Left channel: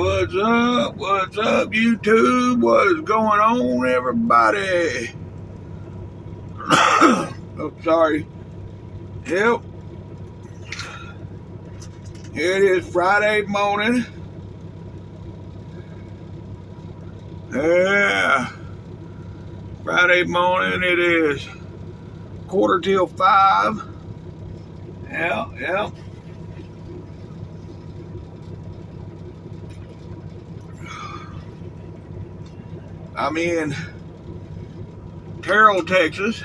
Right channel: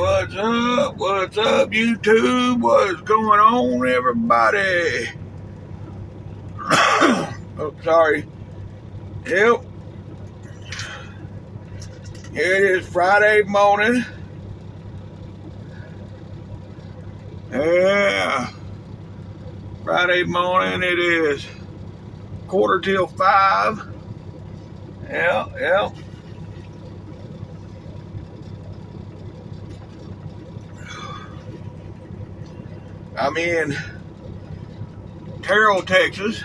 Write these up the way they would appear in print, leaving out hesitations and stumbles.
What's up? What's up, YouTube? What's going on, everybody? Oh, sorry. Yep. Here it is, Friday morning. Yeah. Friday morning, it is 4:45. Yeah. I'm in Terrell, Texas,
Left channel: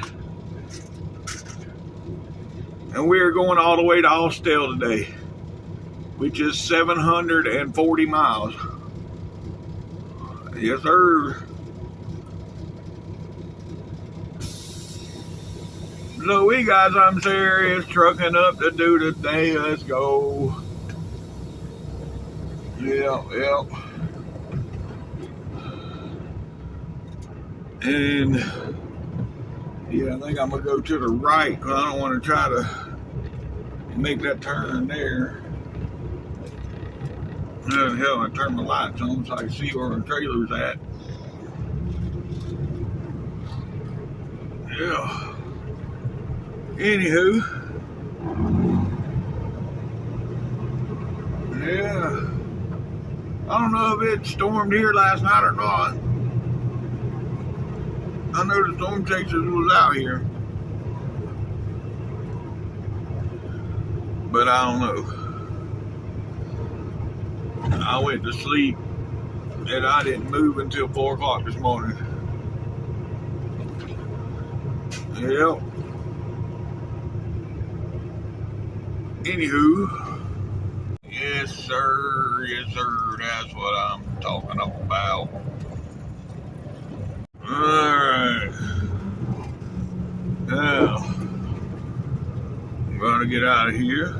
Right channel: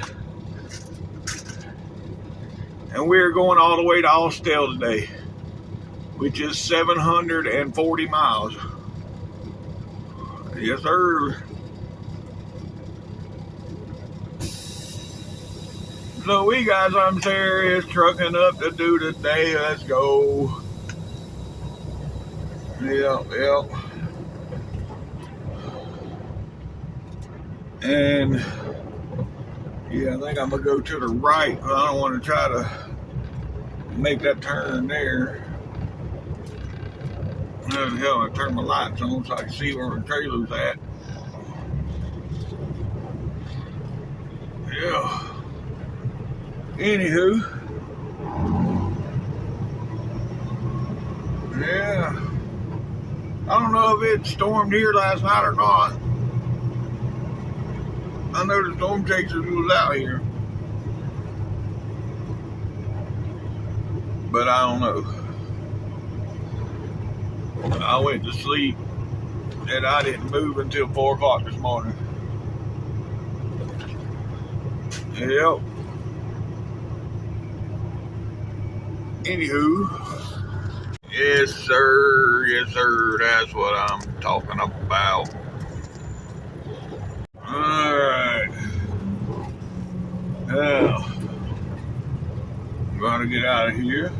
and we're going all the way to Austell today, which is 740 miles. Yes, sir. So we got some serious trucking up to do today. Let's go. Yep. And yeah, I think I'm gonna go to the right because I don't want to try to make that turn there. Hell, I turn my lights on so I can see where the trailer's at. Yeah. Anywho. Yeah. I don't know if it stormed here last night or not. I know the storm chasers was out here. But I don't know. I went to sleep and I didn't move until 4 o'clock this morning. Yep. Anywho. Yes, sir. That's what I'm talking about. Alright. Now, I'm gonna get out of here.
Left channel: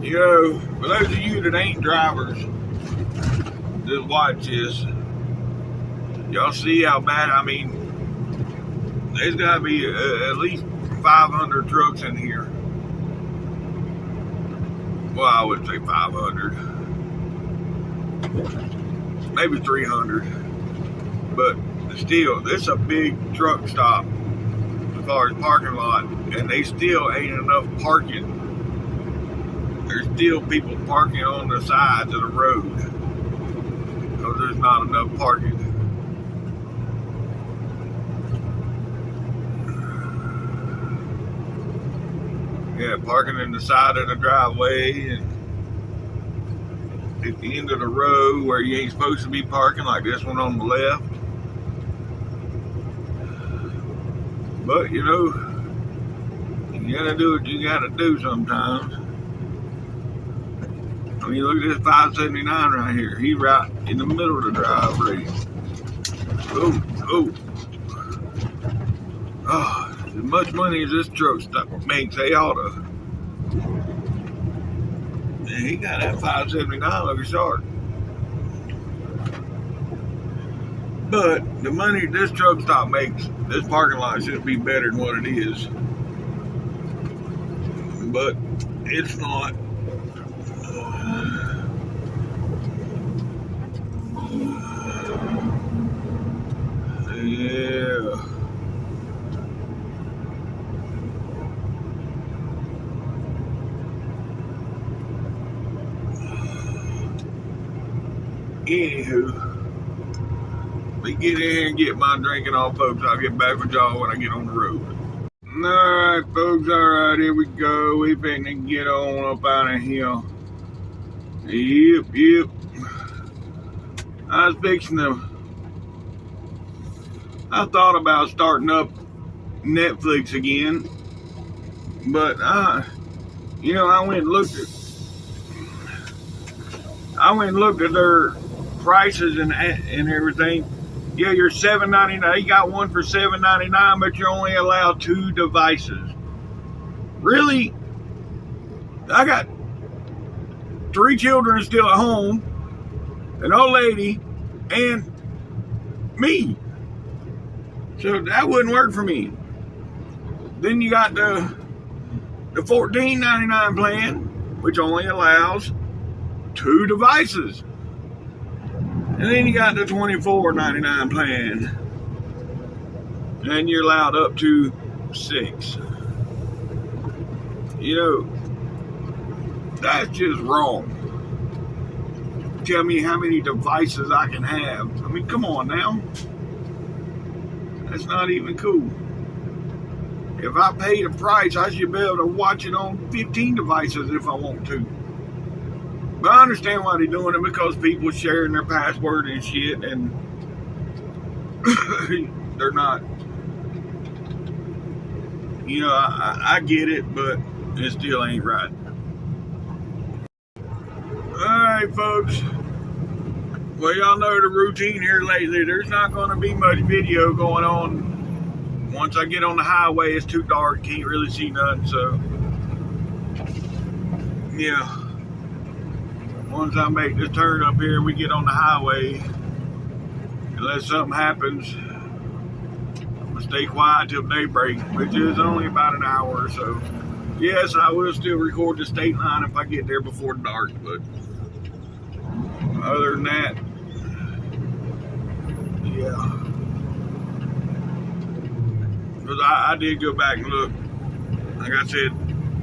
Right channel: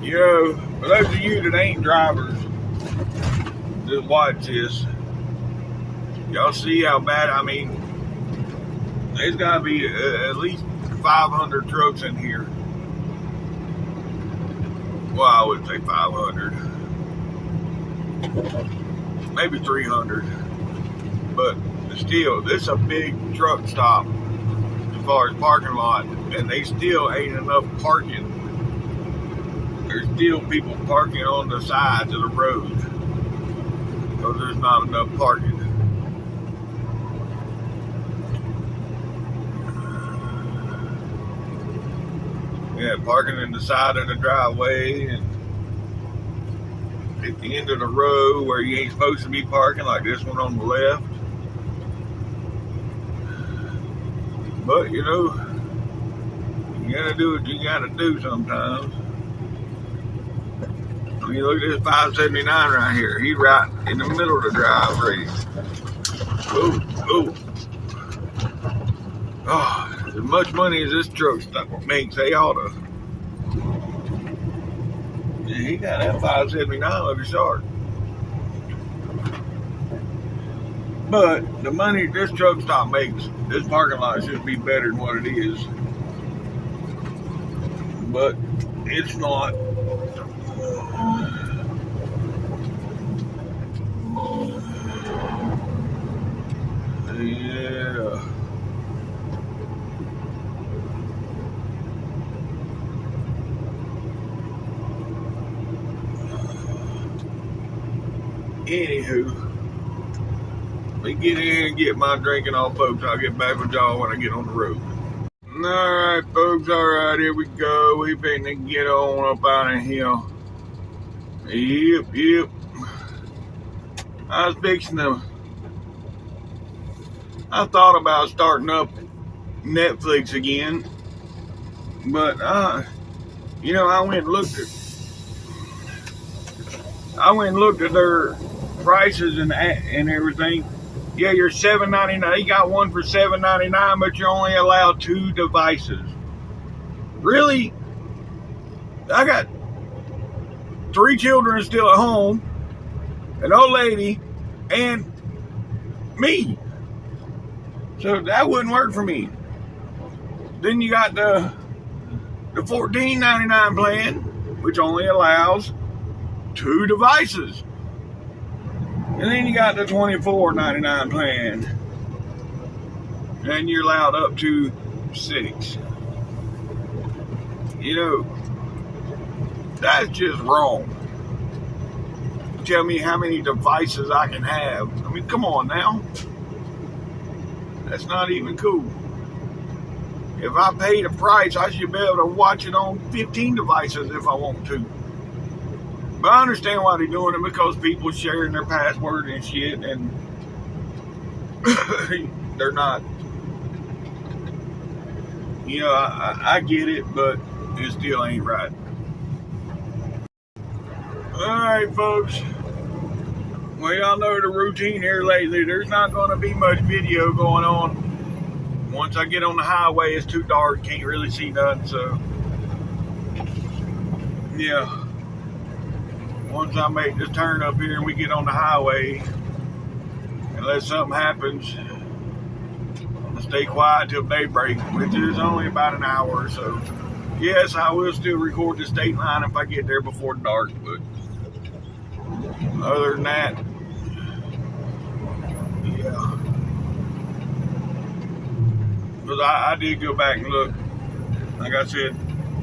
You know, for those of you that ain't drivers, just watch this. Y'all see how bad, I mean, there's gotta be at least 500 trucks in here. Well, I would say 500. Maybe 300. But still, this is a big truck stop as far as parking lot, and they still ain't enough parking. There's still people parking on the sides of the road because there's not enough parking. Yeah, parking in the side of the driveway and at the end of the road where you ain't supposed to be parking, like this one on the left. But you know, you gotta do what you gotta do sometimes. I mean, look at this 579 right here. He's right in the middle of the driveway. Oh, as much money as this truck makes, they ought to. Yeah, he got that 579 looking sharp. But the money this truck stop makes, this parking lot should be better than what it is. But it's not. Yeah. Anywho, let me get in here and get my drinking off, folks. I'll get back with y'all when I get on the road. Alright, folks. Alright, here we go. We finna get on up out of here. Yep. I was fixing to. I thought about starting up Netflix again, but you know, I went and looked at their prices and everything. Yeah, you're $7.99. You got one for $7.99, but you're only allowed 2 devices. Really? I got 3 children still at home, an old lady, and me. So that wouldn't work for me. Then you got the $14.99 plan, which only allows 2 devices. And then you got the $24.99 plan, and you're allowed up to 6. You know, that's just wrong. Tell me how many devices I can have. I mean, come on now. That's not even cool. If I paid a price, I should be able to watch it on 15 devices if I want to. But I understand why they're doing it, because people sharing their password and shit, and they're not. You know, I get it, but it still ain't right. Alright, folks. Well, y'all know the routine here lately. There's not going to be much video going on. Once I get on the highway, it's too dark. Can't really see nothing, so yeah. Once I make this turn up here and we get on the highway, unless something happens, I'm going to stay quiet till daybreak, which is only about an hour or so. Yes, I will still record the state line if I get there before dark, but other than that, yeah. Because I did go back and look. Like I said,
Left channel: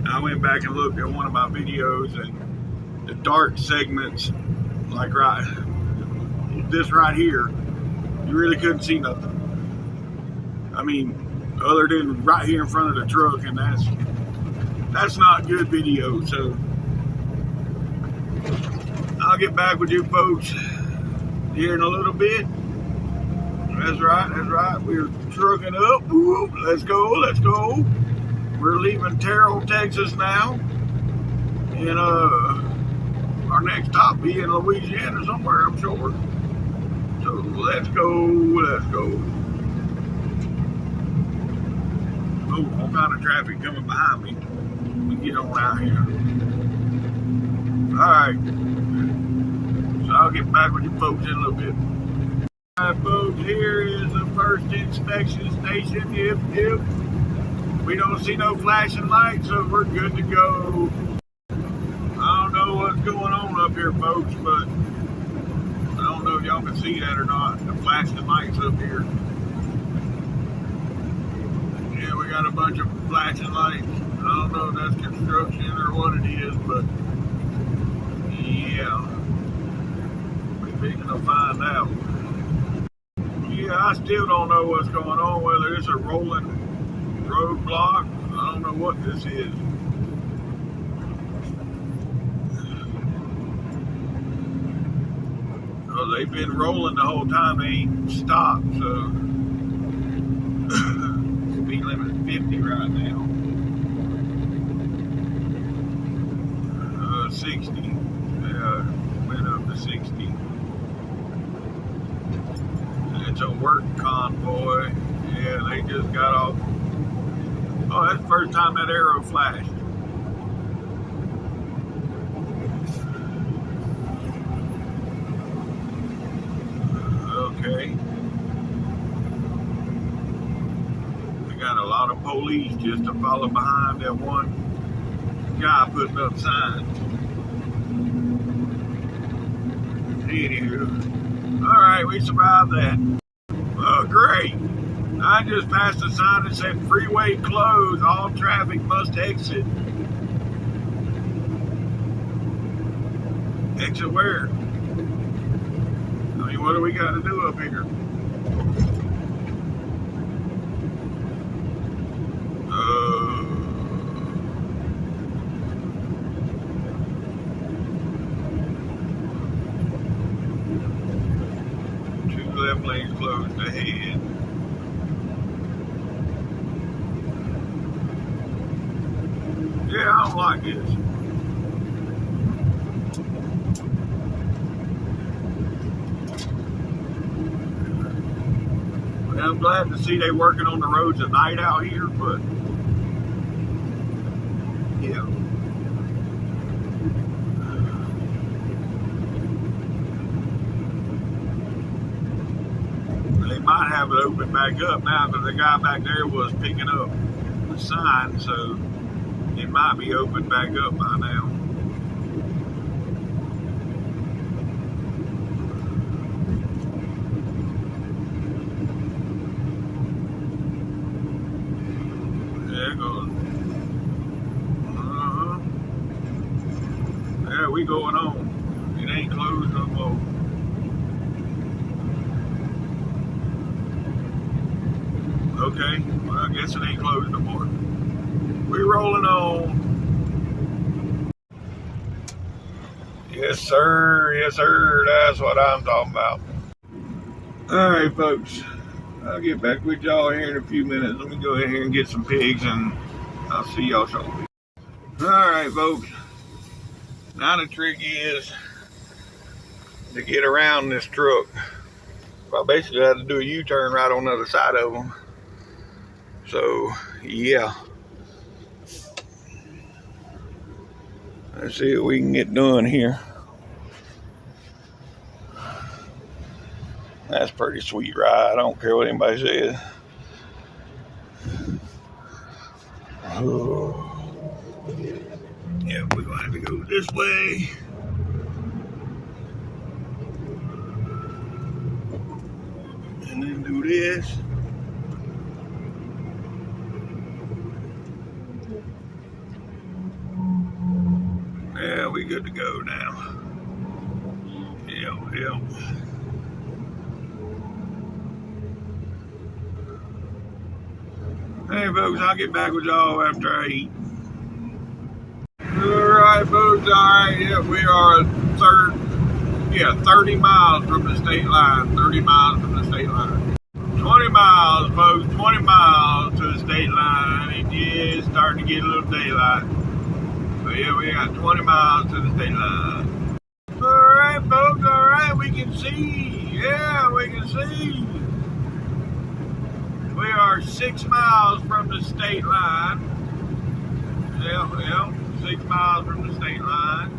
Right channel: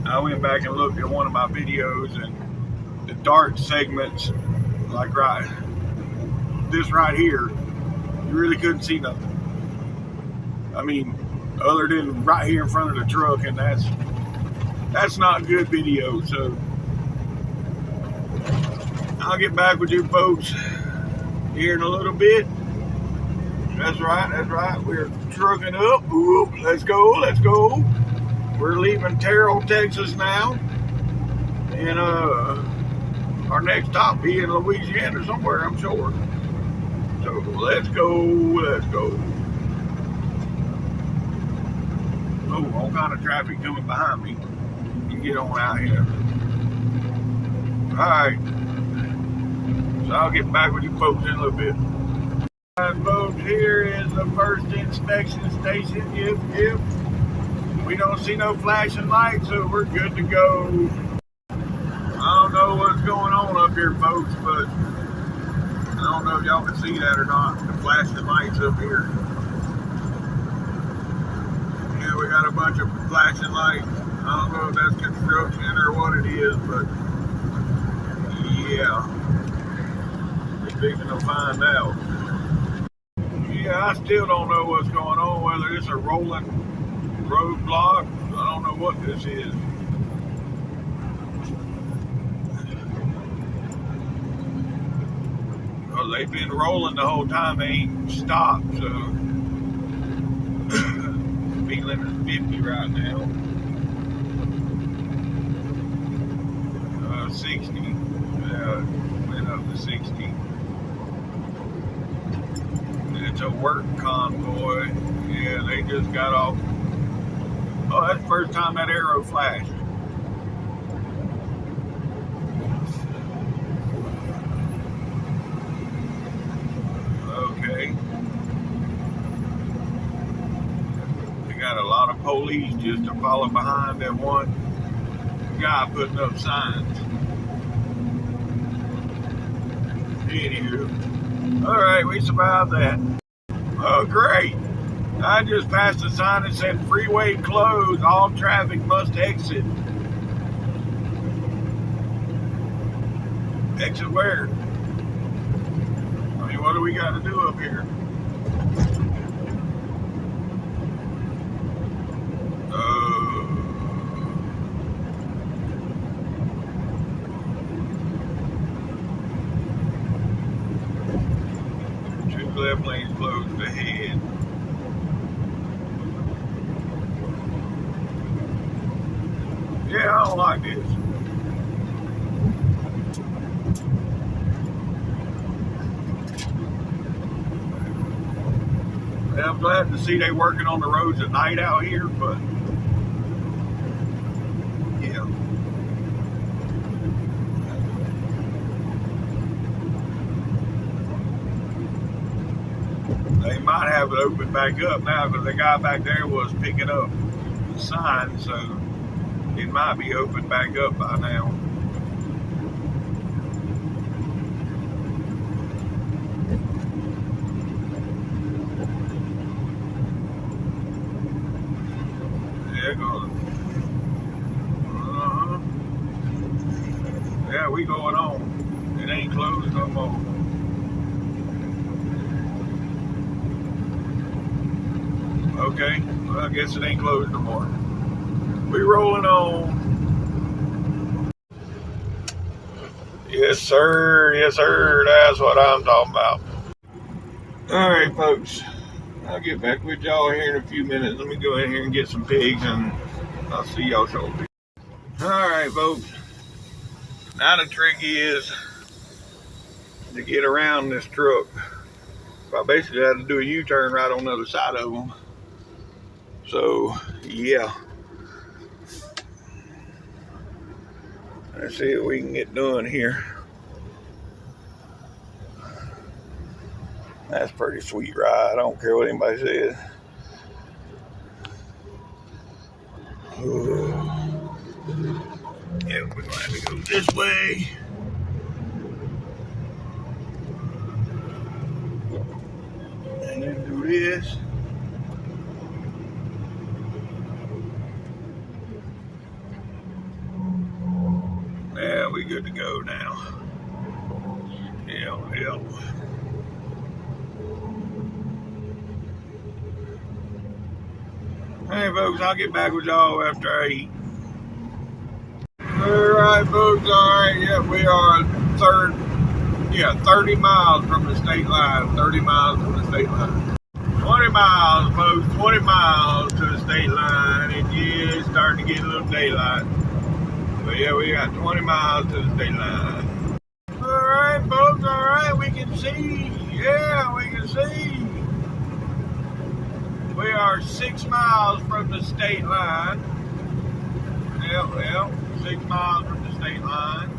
I went back and looked at one of my videos, and the dark segments, like this right here, you really couldn't see nothing. I mean, other than right here in front of the truck, and that's not good video. So I'll get back with you folks here in a little bit. That's right. We're trucking up. Whoop, let's go. We're leaving Terrell, Texas now. And our next stop be in Louisiana somewhere, I'm sure. So let's go. Oh, all kind of traffic coming behind me. You get on out here. Alright. So I'll get back with you folks in a little bit. Alright, folks, here is the first inspection station. Yep. We don't see no flashing lights, so we're good to go. I don't know what's going on up here, folks, but I don't know if y'all can see that or not. The flashing lights up here. Yeah, we got a bunch of flashing lights. I don't know if that's construction or what it is, but yeah. We're fixing to find out. Yeah, I still don't know what's going on, whether it's a rolling roadblock. I don't know what this is. Well, they've been rolling the whole time. They ain't stopped, so speed limit is 50 right now. 60. Went up to 60. It's a work convoy. Yeah, they just got off. Oh, that's the first time that arrow flashed. Okay. We got a lot of police just to follow behind that one guy putting up signs. Anywho. Alright, we survived that. Oh, great. I just passed a sign that said freeway closed, all traffic must exit. Exit where? I mean, what do we got to do up here? Two left lanes closed ahead. Yeah, I don't like this. Well, I'm glad to see they working on the roads at night out here, but yeah. They might have it open back up now because the guy back there was picking up the sign, so it might be open back up by now. Yeah, going. Yeah, we going on. It ain't closed no more. Okay, well, I guess it ain't closed no more. We rolling on. Yes, sir. Yes, sir. That's what I'm talking about. All right, folks. I'll get back with y'all here in a few minutes. Let me go ahead here and get some pigs, and I'll see y'all shortly. All right, folks. Now the trick is to get around this truck. I basically had to do a U-turn right on the other side of them. So, yeah. Let's see what we can get done here. That's a pretty sweet ride. I don't care what anybody says. Oh. Yeah, we're gonna have to go this way. And then do this. Yeah, we good to go now. Yeah. Hey folks, I'll get back with y'all after I eat. Alright folks, alright, yeah, we are 30 miles from the state line. 30 miles from the state line. 20 miles, folks, 20 miles to the state line. It is starting to get a little daylight. But yeah, we got 20 miles to the state line. Alright folks, alright, we can see. Yeah, we can see. We are 6 miles from the state line. Yeah, 6 miles from the state line.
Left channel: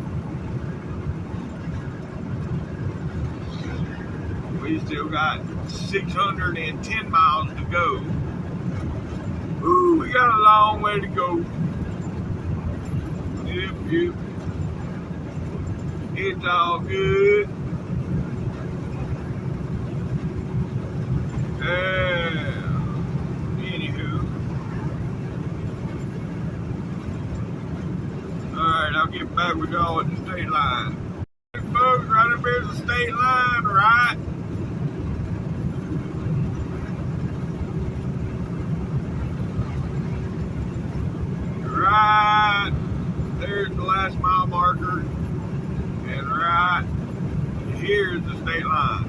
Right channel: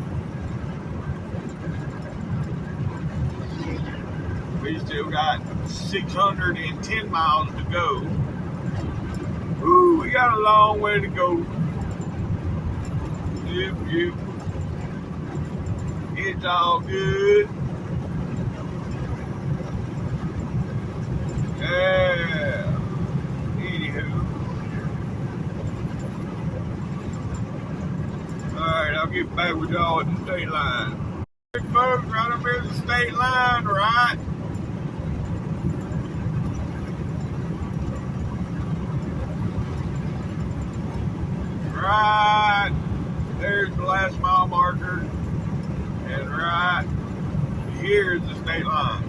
We still got 610 miles to go. Ooh, we got a long way to go. Yep. It's all good. Yeah. Anywho. Alright, I'll get back with y'all at the state line. Hey folks, right up here at the state line, right? Right. There's the last mile marker. And right here's the state line.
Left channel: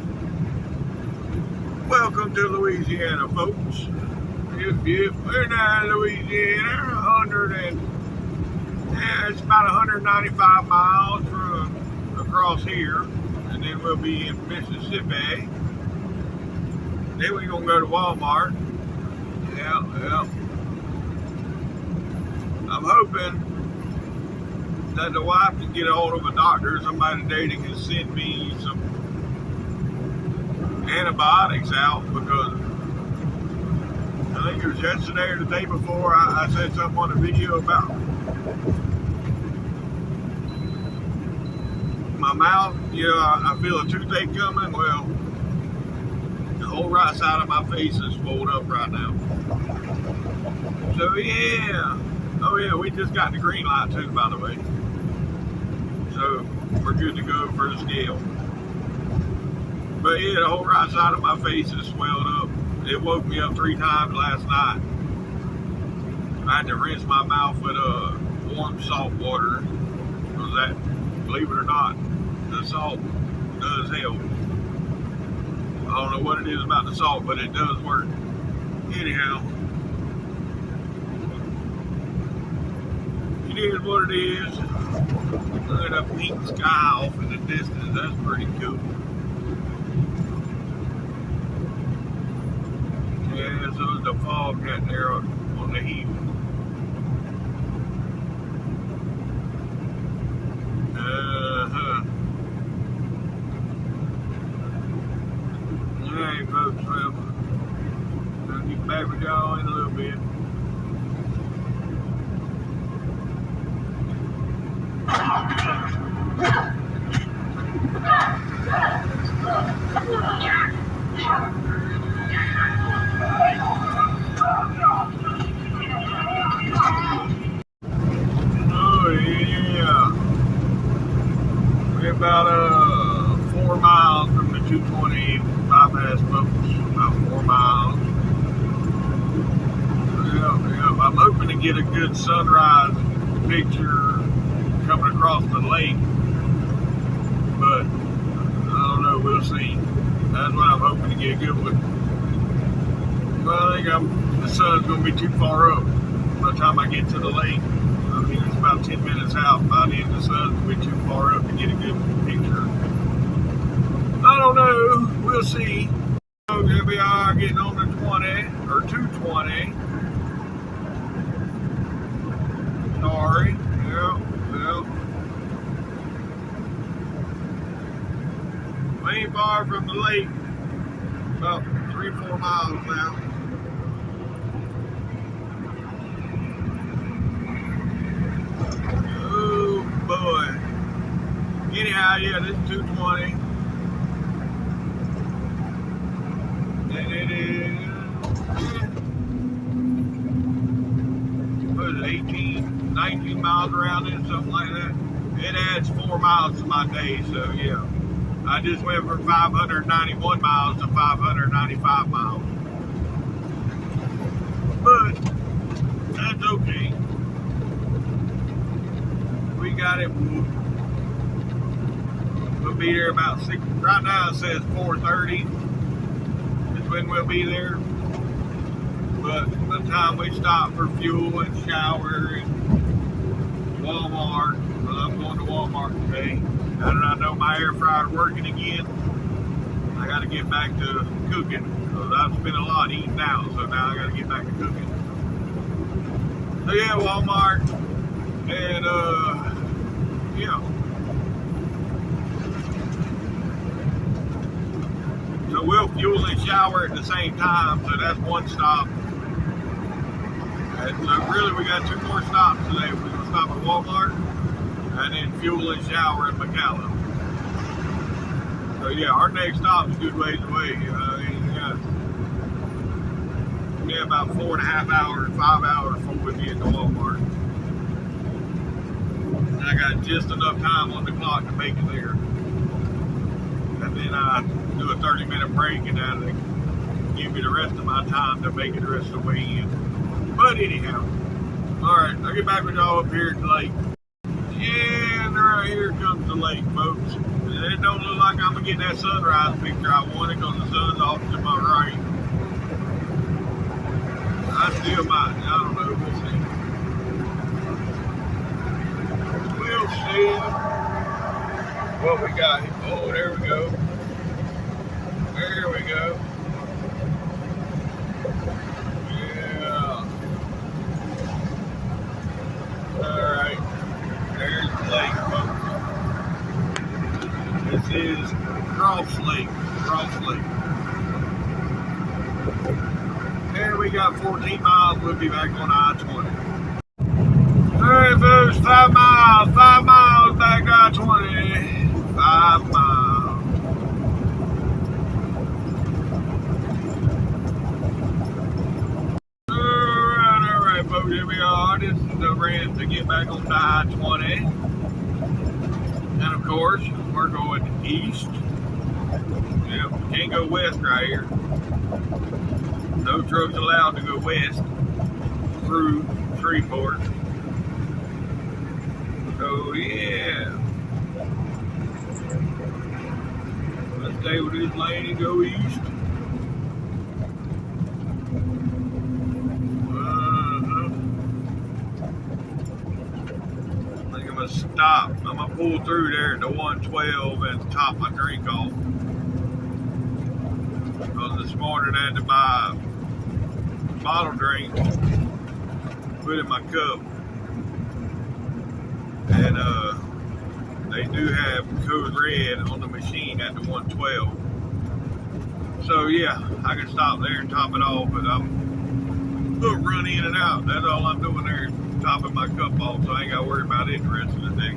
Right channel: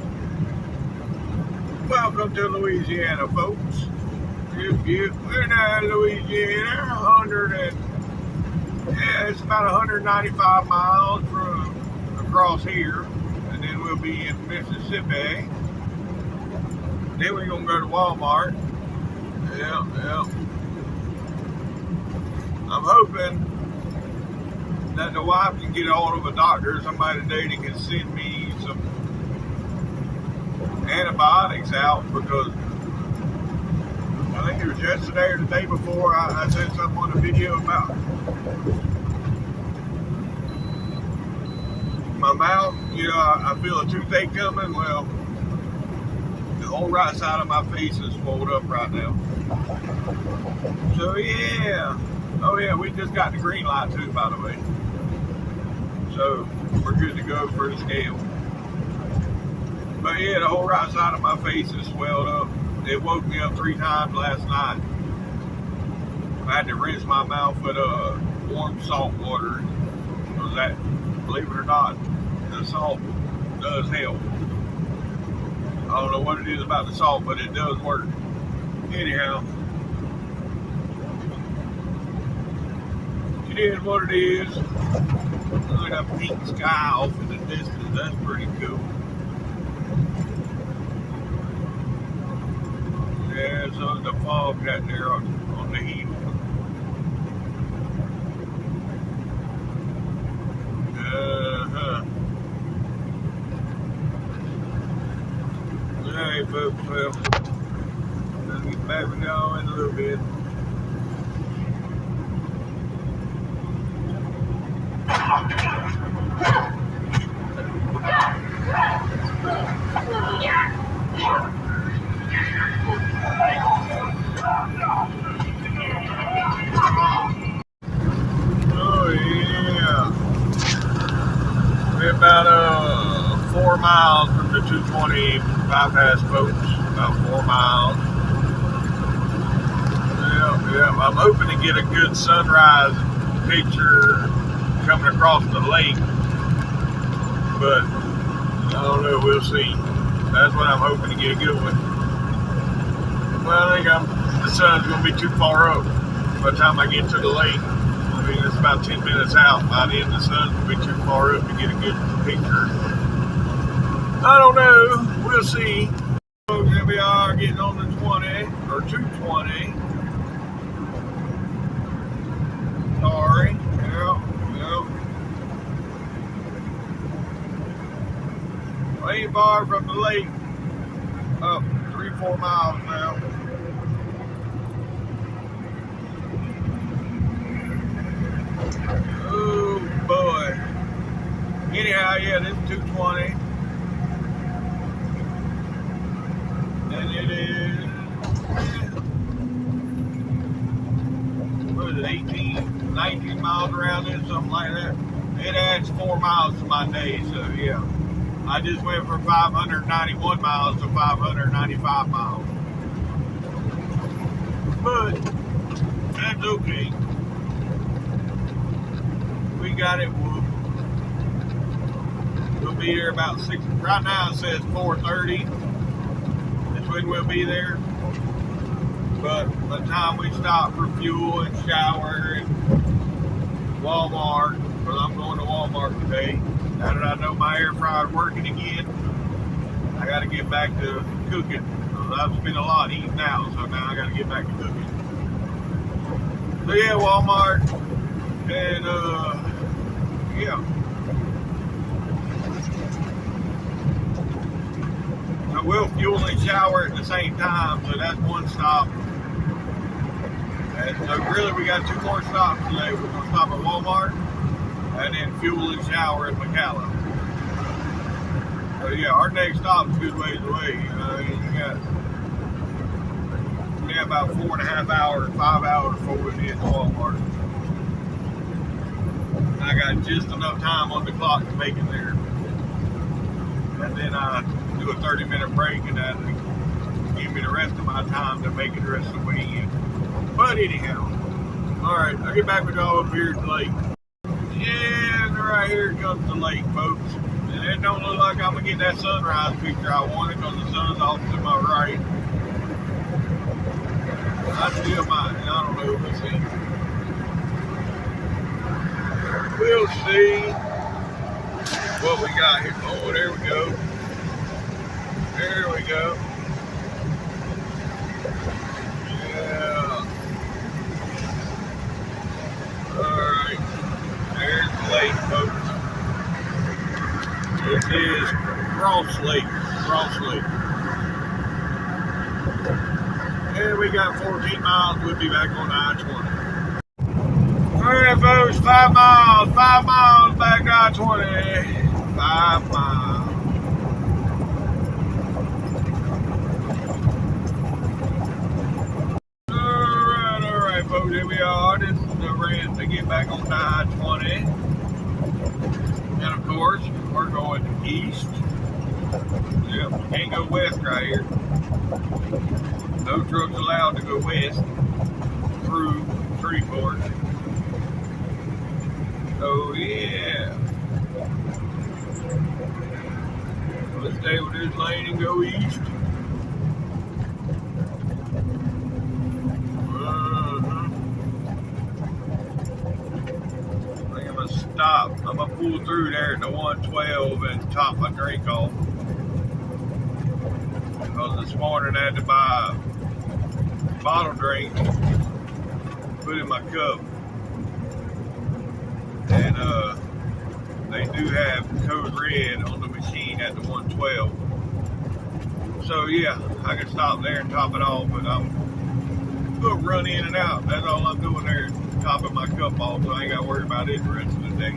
Welcome to Louisiana, folks. Yep, we're now in Louisiana. It's about 195 miles from across here, and then we'll be in Mississippi. Then we're gonna go to Walmart. Yeah. I'm hoping that the wife can get a hold of a doctor or somebody today that can send me some antibiotics out, because I think it was yesterday or the day before I said something on the video about my mouth. I feel a toothache coming. Well, the whole right side of my face is swelled up right now. So yeah. Oh yeah, we just got the green light too, by the way. So we're good to go for the scale. But yeah, the whole right side of my face is swelled up. It woke me up 3 times last night. I had to rinse my mouth with warm salt water. Because that, believe it or not, the salt does help. I don't know what it is about the salt, but it does work. Anyhow, it is what it is. Look at that pink sky off in the distance. That's pretty cool. Yeah, so the fog got there on the hill. Alright, folks, well, I'll get back with y'all in a little bit. Oh yeah, we're about 4 miles from the 220 bypass, folks. About 4 miles. Yeah. I'm hoping to get a good sunrise picture coming across the lake, but I don't know. We'll see. That's what I'm hoping to get a good one. Well, I think the sun's going to be too far up by the time I get to the lake. I mean, it's about 10 minutes out. By then, the sun's going to be too far up to get a good picture. I don't know. We'll see. So here we are getting on the 20 or 220. Sorry. Yeah. We ain't far from the lake. About 3-4 miles now. Oh boy. Anyhow, yeah, this is 220. And it is, what is it, 18, 19 miles around it, something like that. It adds 4 miles to my day, so yeah. I just went from 591 miles to 595 miles. But that's okay. We got it. We'll be there about 6. Right now it says 4:30 is when we'll be there. But by the time we stop for fuel and shower and Walmart, well, I'm going to Walmart today. Now that I know my air fryer's working again, I got to get back to cooking. Because I've spent a lot eating out, so now I got to get back to cooking. So yeah, Walmart, and yeah. So we'll fuel and shower at the same time, so that's one stop. And so really we got 2 more stops today. We're going to stop at Walmart and then fuel and shower at McAllen. So yeah, our next stop's a good ways away. We got about 4.5 hours, 5 hours before we'll be at the Walmart. I got just enough time on the clock to make it there. And then I do a 30-minute break, and that'll give me the rest of my time to make it the rest of the way in. But anyhow, all right, I'll get back with y'all up here at the lake. Yeah, and right here comes the lake, folks. And it don't look like I'm going to get that sunrise picture I wanted because the sun's off to my right. I still might. I don't know. We'll see. We'll see what we got here. Oh, there we go. There we go. Yeah. All right. There's the lake, folks. This is Cross Lake. And we got 14 miles. We'll be back on I-20. All right, folks, 5 miles back I-20. 5 miles. All right, folks, here we are. This is the ramp to get back on I-20. And of course, we're going east. Yep, we can't go west right here. No trucks allowed to go west through Shreveport. Oh yeah. Let's stay with this lane and go east. I think I'm gonna stop. I'm gonna pull through there at the 112 and top my drink off. Because this morning I had to buy a bottle drink, put in my cup. And they do have code red on the machine at the 112. So yeah, I can stop there and top it off, but I'm gonna run in and out. That's all I'm doing there, is topping my cup off, so I ain't gotta worry about it the rest of the day.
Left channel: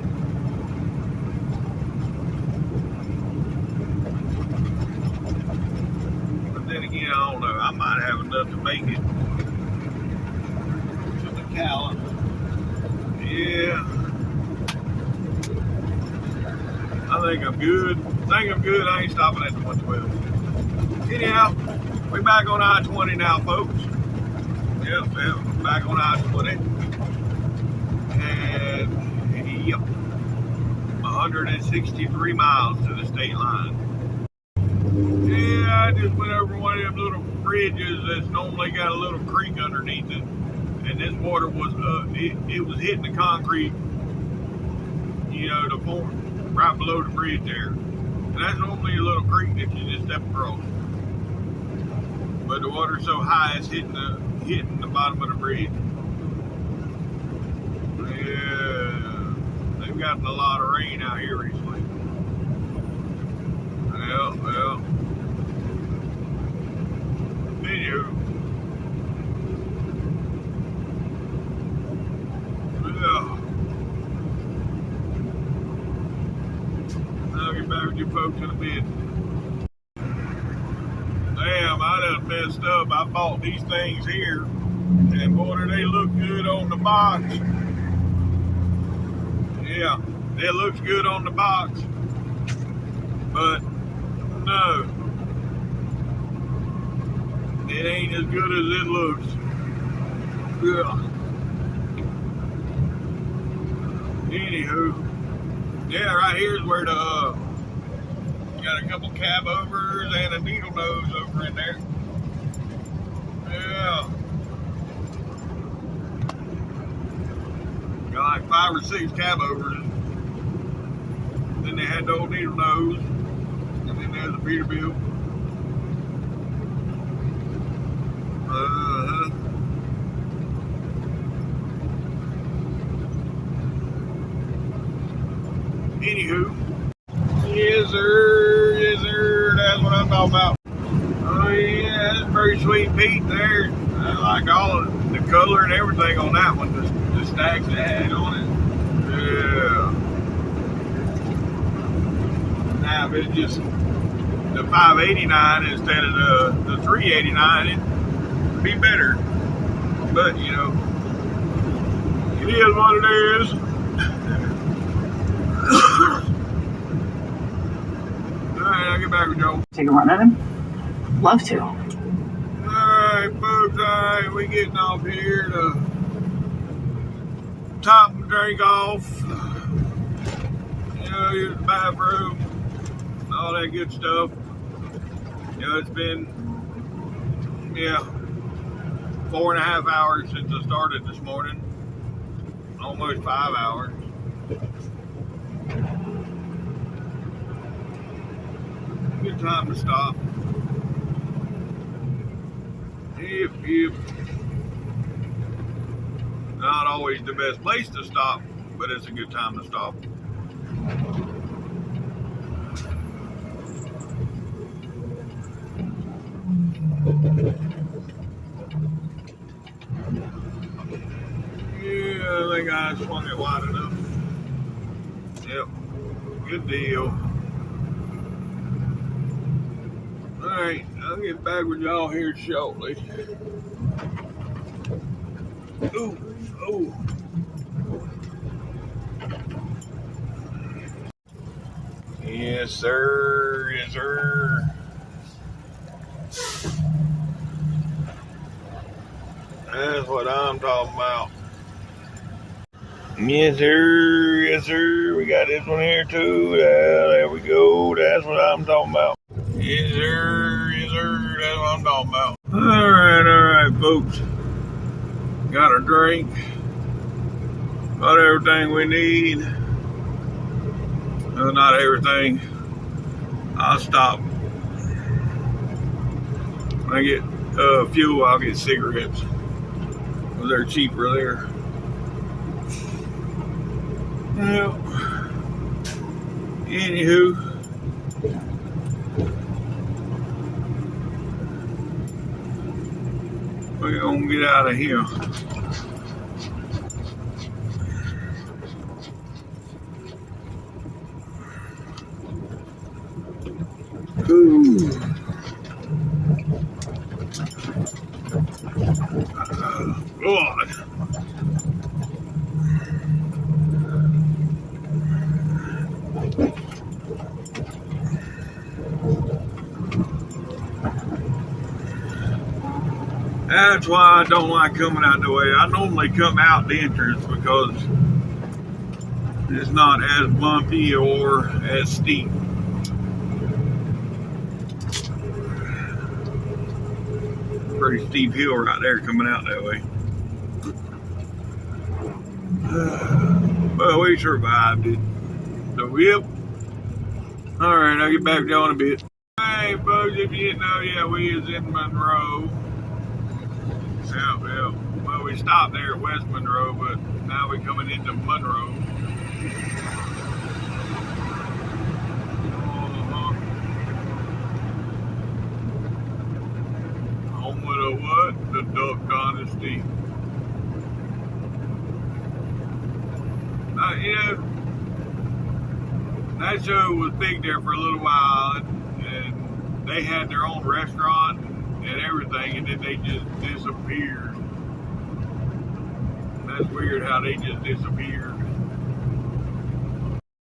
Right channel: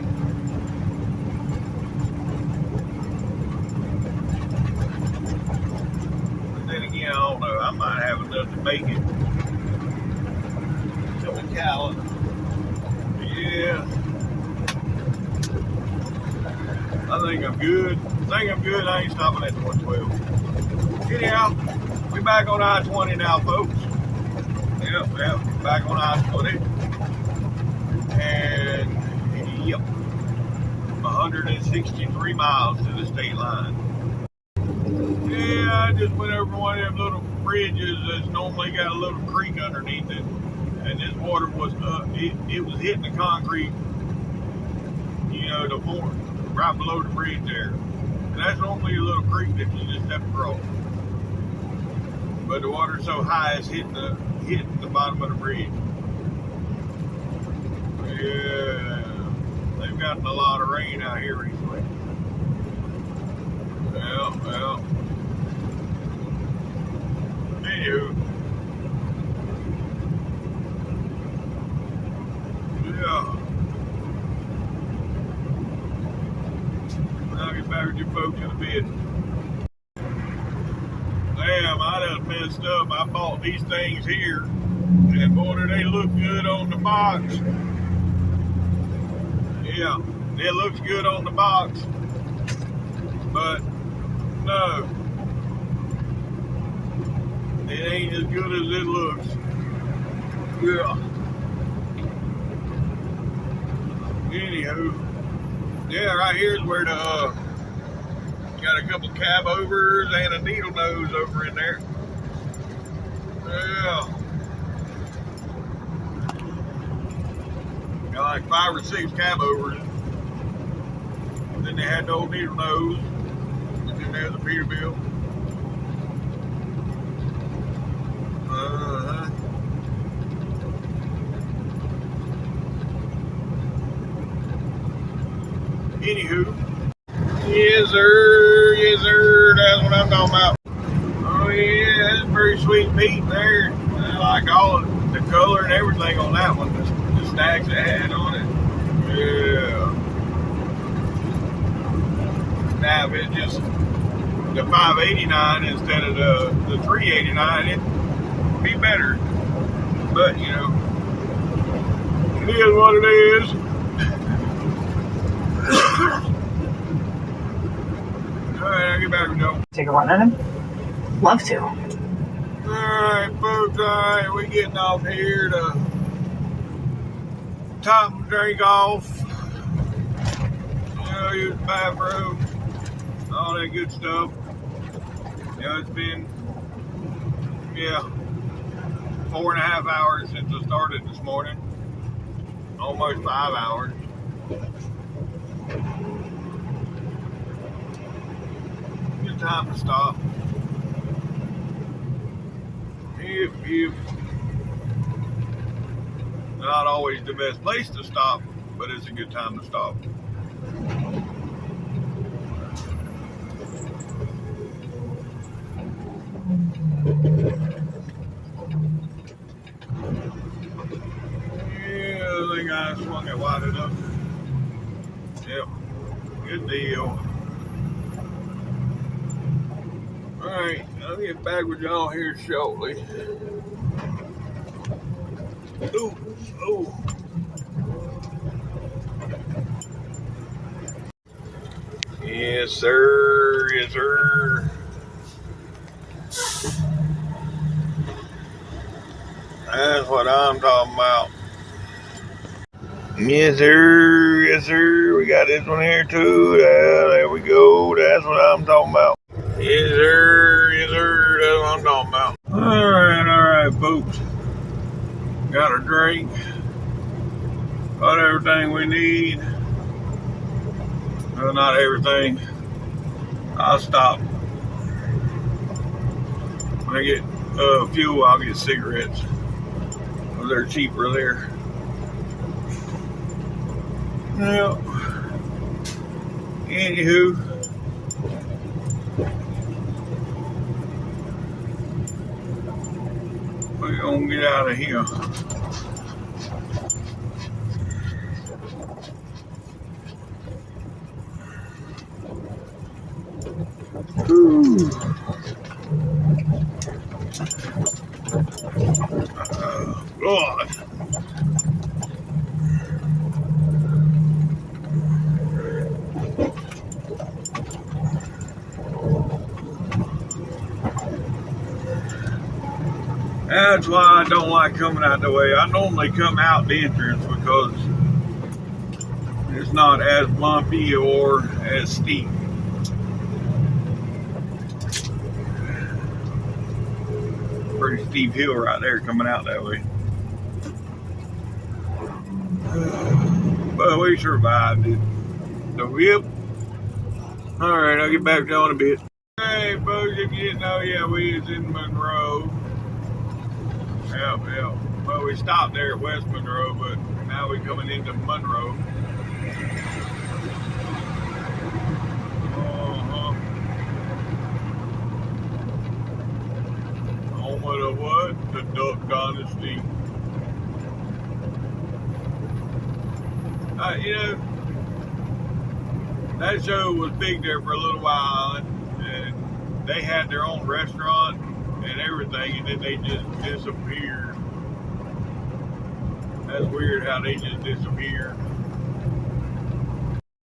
But then again, I don't know. I might have enough to make it to McAllen. Yeah. I think I'm good. I ain't stopping at the 112. Anyhow, we back on I-20 now, folks. Yep, back on I-20. And, yep, 163 miles to the state line. Yeah, I just went over one of them little bridges that's normally got a little creek underneath it. And this water was, it was hitting the concrete, you know, the form right below the bridge there. And that's normally a little creek that you just step across. But the water's so high, it's hitting the bottom of the bridge. Yeah, they've gotten a lot of rain out here recently. Well. Anywho. Yeah. I'll get back with you folks in a bit. Damn, I done messed up. I bought these things here, and boy, do they look good on the box. Yeah, it looks good on the box, but no, it ain't as good as it looks. Yeah. Anywho, yeah, right here's where the got a couple cab overs and a needle nose over in there. Yeah. Got like 5 or 6 cab overs. Then they had the old needle nose. And then there's a Peterbilt. Anywho. Yes, sir. That's what I'm talking about. Oh, yeah, that's very sweet Pete there. I like all of the color and everything on that one. The stacks it had on it. Yeah. Now, if it's just the 589 instead of the 389, it'd be better. But, you know, it is what it is. Alright, I'll get back with Joe. Take a run at him? Love to. Alright, folks, alright, we getting off here to top the drink off. Use the bathroom, all that good stuff. You know, it's been, 4.5 hours since I started this morning. Almost 5 hours. Good time to stop. Yep. Not always the best place to stop, but it's a good time to stop. Yeah, I think I swung it wide enough. Yep, good deal. Alright, I'll get back with y'all here shortly. Ooh. Yes, sir. That's what I'm talking about. Yes, sir. We got this one here too. There we go. That's what I'm talking about. Yes, sir. That's what I'm talking about. All right, folks. Got a drink. Got everything we need. Well, not everything. I'll stop. When I get fuel, I'll get cigarettes. Well, they're cheaper there. Well, anywho, gonna get out of here. Ooh. God. That's why I don't like coming out the way. I normally come out the entrance because it's not as bumpy or as steep. Pretty steep hill right there coming out that way. But we survived it. So, yep. Alright, I'll get back to you in a bit. Hey, folks, if you didn't know, yeah, we is in Monroe. Yeah. Well, we stopped there at West Monroe, but now we're coming into Monroe. Home of the what? The Duck Dynasty. You know, that show was big there for a little while, and they had their own restaurant and everything, and then they just disappeared. That's weird how they just disappeared.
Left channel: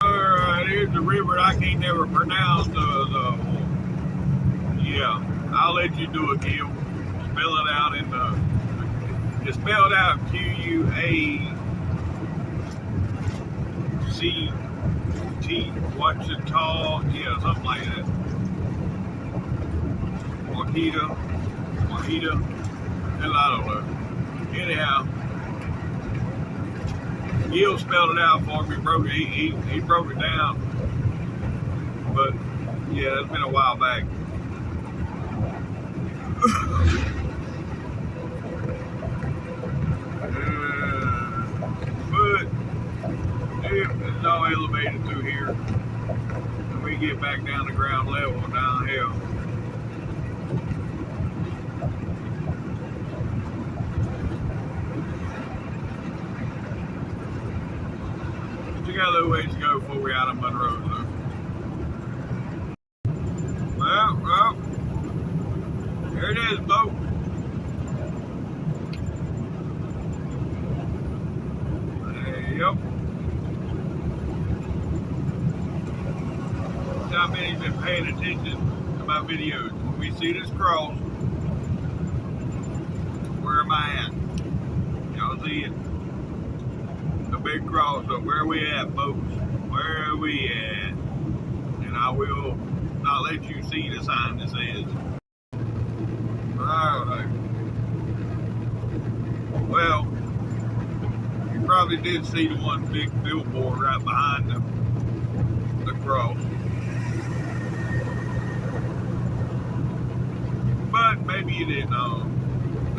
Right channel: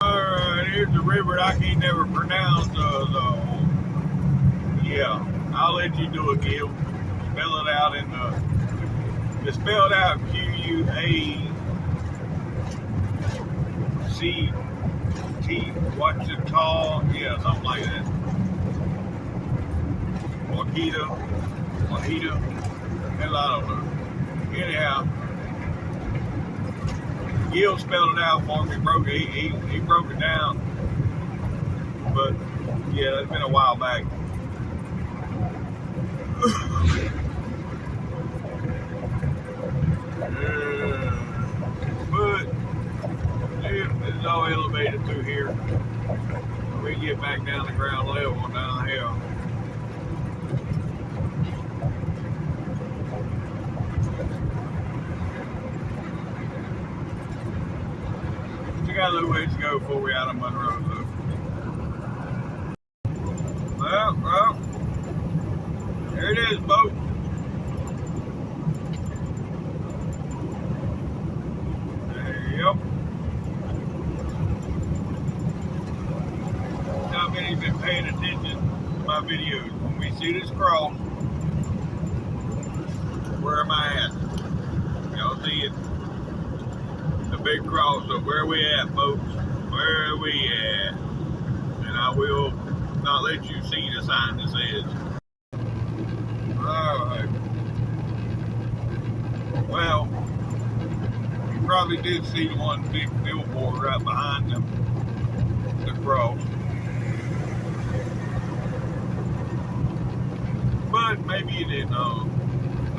Alright, here's the river I can't never pronounce. Yeah, I'll let you do it, Gil. Spell it out in the. It's spelled out Q-U-A-C-T. Wachita. Yeah, something like that. Wahita. Hell, I don't know. Anyhow, Gil spelled it out for me. He broke it down. But yeah, that's been a while back. But yeah, it's all elevated through here. When we get back down to ground level down here. We got a little ways to go before we're out of Monroe, though. Well, there it is, folks. Yep. How many's been paying attention to my videos? When we see this cross, where am I at? Y'all see it? The big cross. So where are we at, folks? Where are we at? And I will not let you see the sign that says. Alright. Well, you probably did see the one big billboard right behind the cross. But maybe you didn't know.